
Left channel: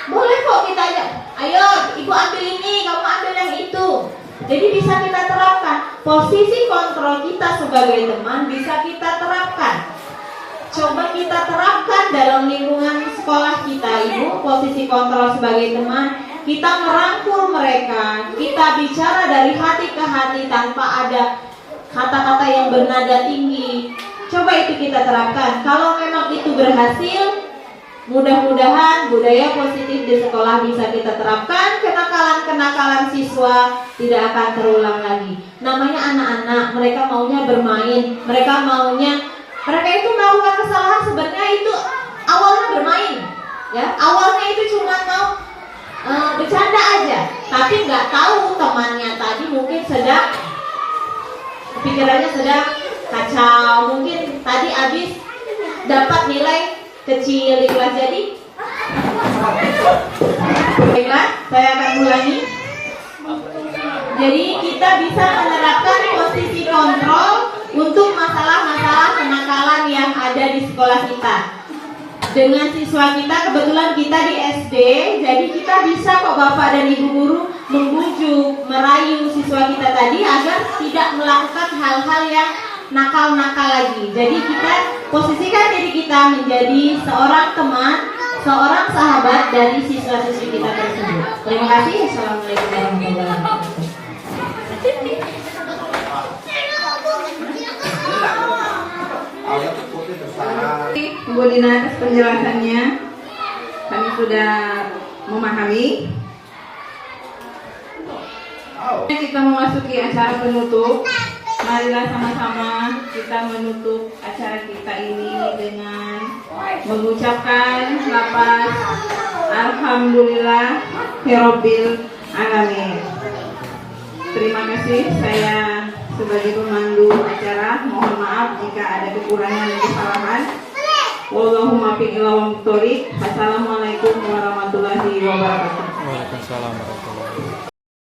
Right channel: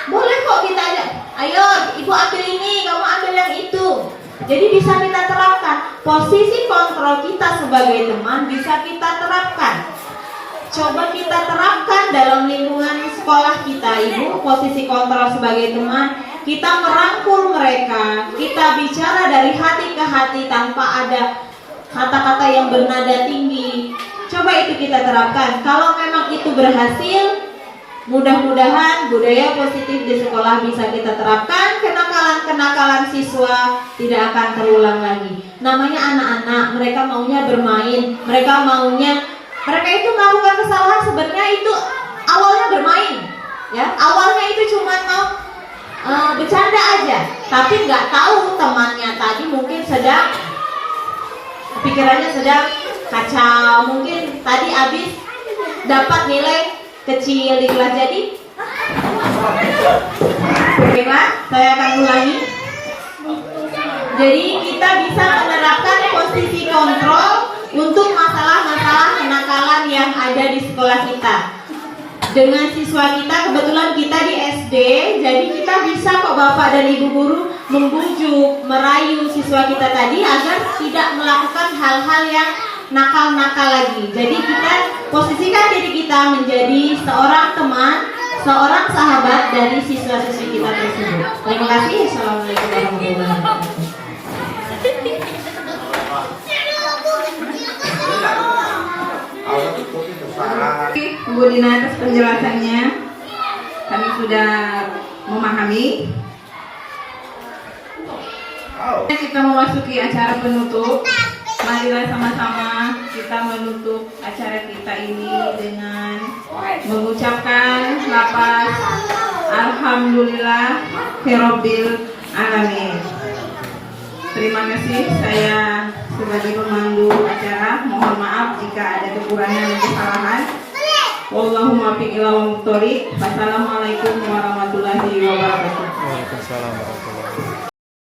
boleh kok kita ajak, ayo ibu ambil ini, kamu ambil yang itu. Jadi bisa kita terapkan. Posisi kontrol kita sebagai teman bisa kita terapkan. Coba kita terapkan dalam lingkungan sekolah kita Ibu. Posisi kontrol sebagai teman, kita merangkul mereka, kita bicara dari hati ke hati tanpa ada kata-kata yang bernada tinggi. Coba itu kita terapkan. Kalau memang itu berhasil, mudah-mudahan budaya positif di sekolah bisa kita terapkan. Kenakalan-kenakalan siswa tidak akan terulang lagi. Namanya anak-anak, mereka maunya bermain, mereka itu melakukan kesalahan sebenarnya itu awalnya bermain, ya awalnya itu cuma mau bercanda aja, tapi nggak tahu temannya tadi mungkin sedang pikirannya sedang kacau, mungkin tadi habis dapat nilai kecil di kelas. Baiklah, saya akan ulangi. Jadi kita bisa menerapkan posisi kontrol untuk masalah-masalah kenakalan yang ada di sekolah kita. Dengan siswa kita, kebetulan kita di SD, jadi kita bisa kok Bapak dan Ibu guru membujuk, merayu siswa kita tadi agar tidak melakukan hal-hal yang nakal-nakal lagi. Jadi kita posisikan diri kita menjadi seorang teman, seorang sahabat dari siswa-siswi kita tersebut. Terima kasih. Assalamualaikum warahmatullahi wabarakatuh. Ibu Dina atas penjelasannya. Kami sudah memahami. Kita memasuki acara penutup. Marilah sama-sama kita menutup acara kita ini dengan mengucapkan lafaz Alhamdulillah Rabbil Alamin. Terima kasih. Saya sebagai pemandu acara mohon maaf jika ada kekurangan dan kesalahan. Wallahumma fiq ila wa muqtari. Wassalamualaikum warahmatullahi wabarakatuh. Waalaikumsalam warahmatullahi wabarakatuh.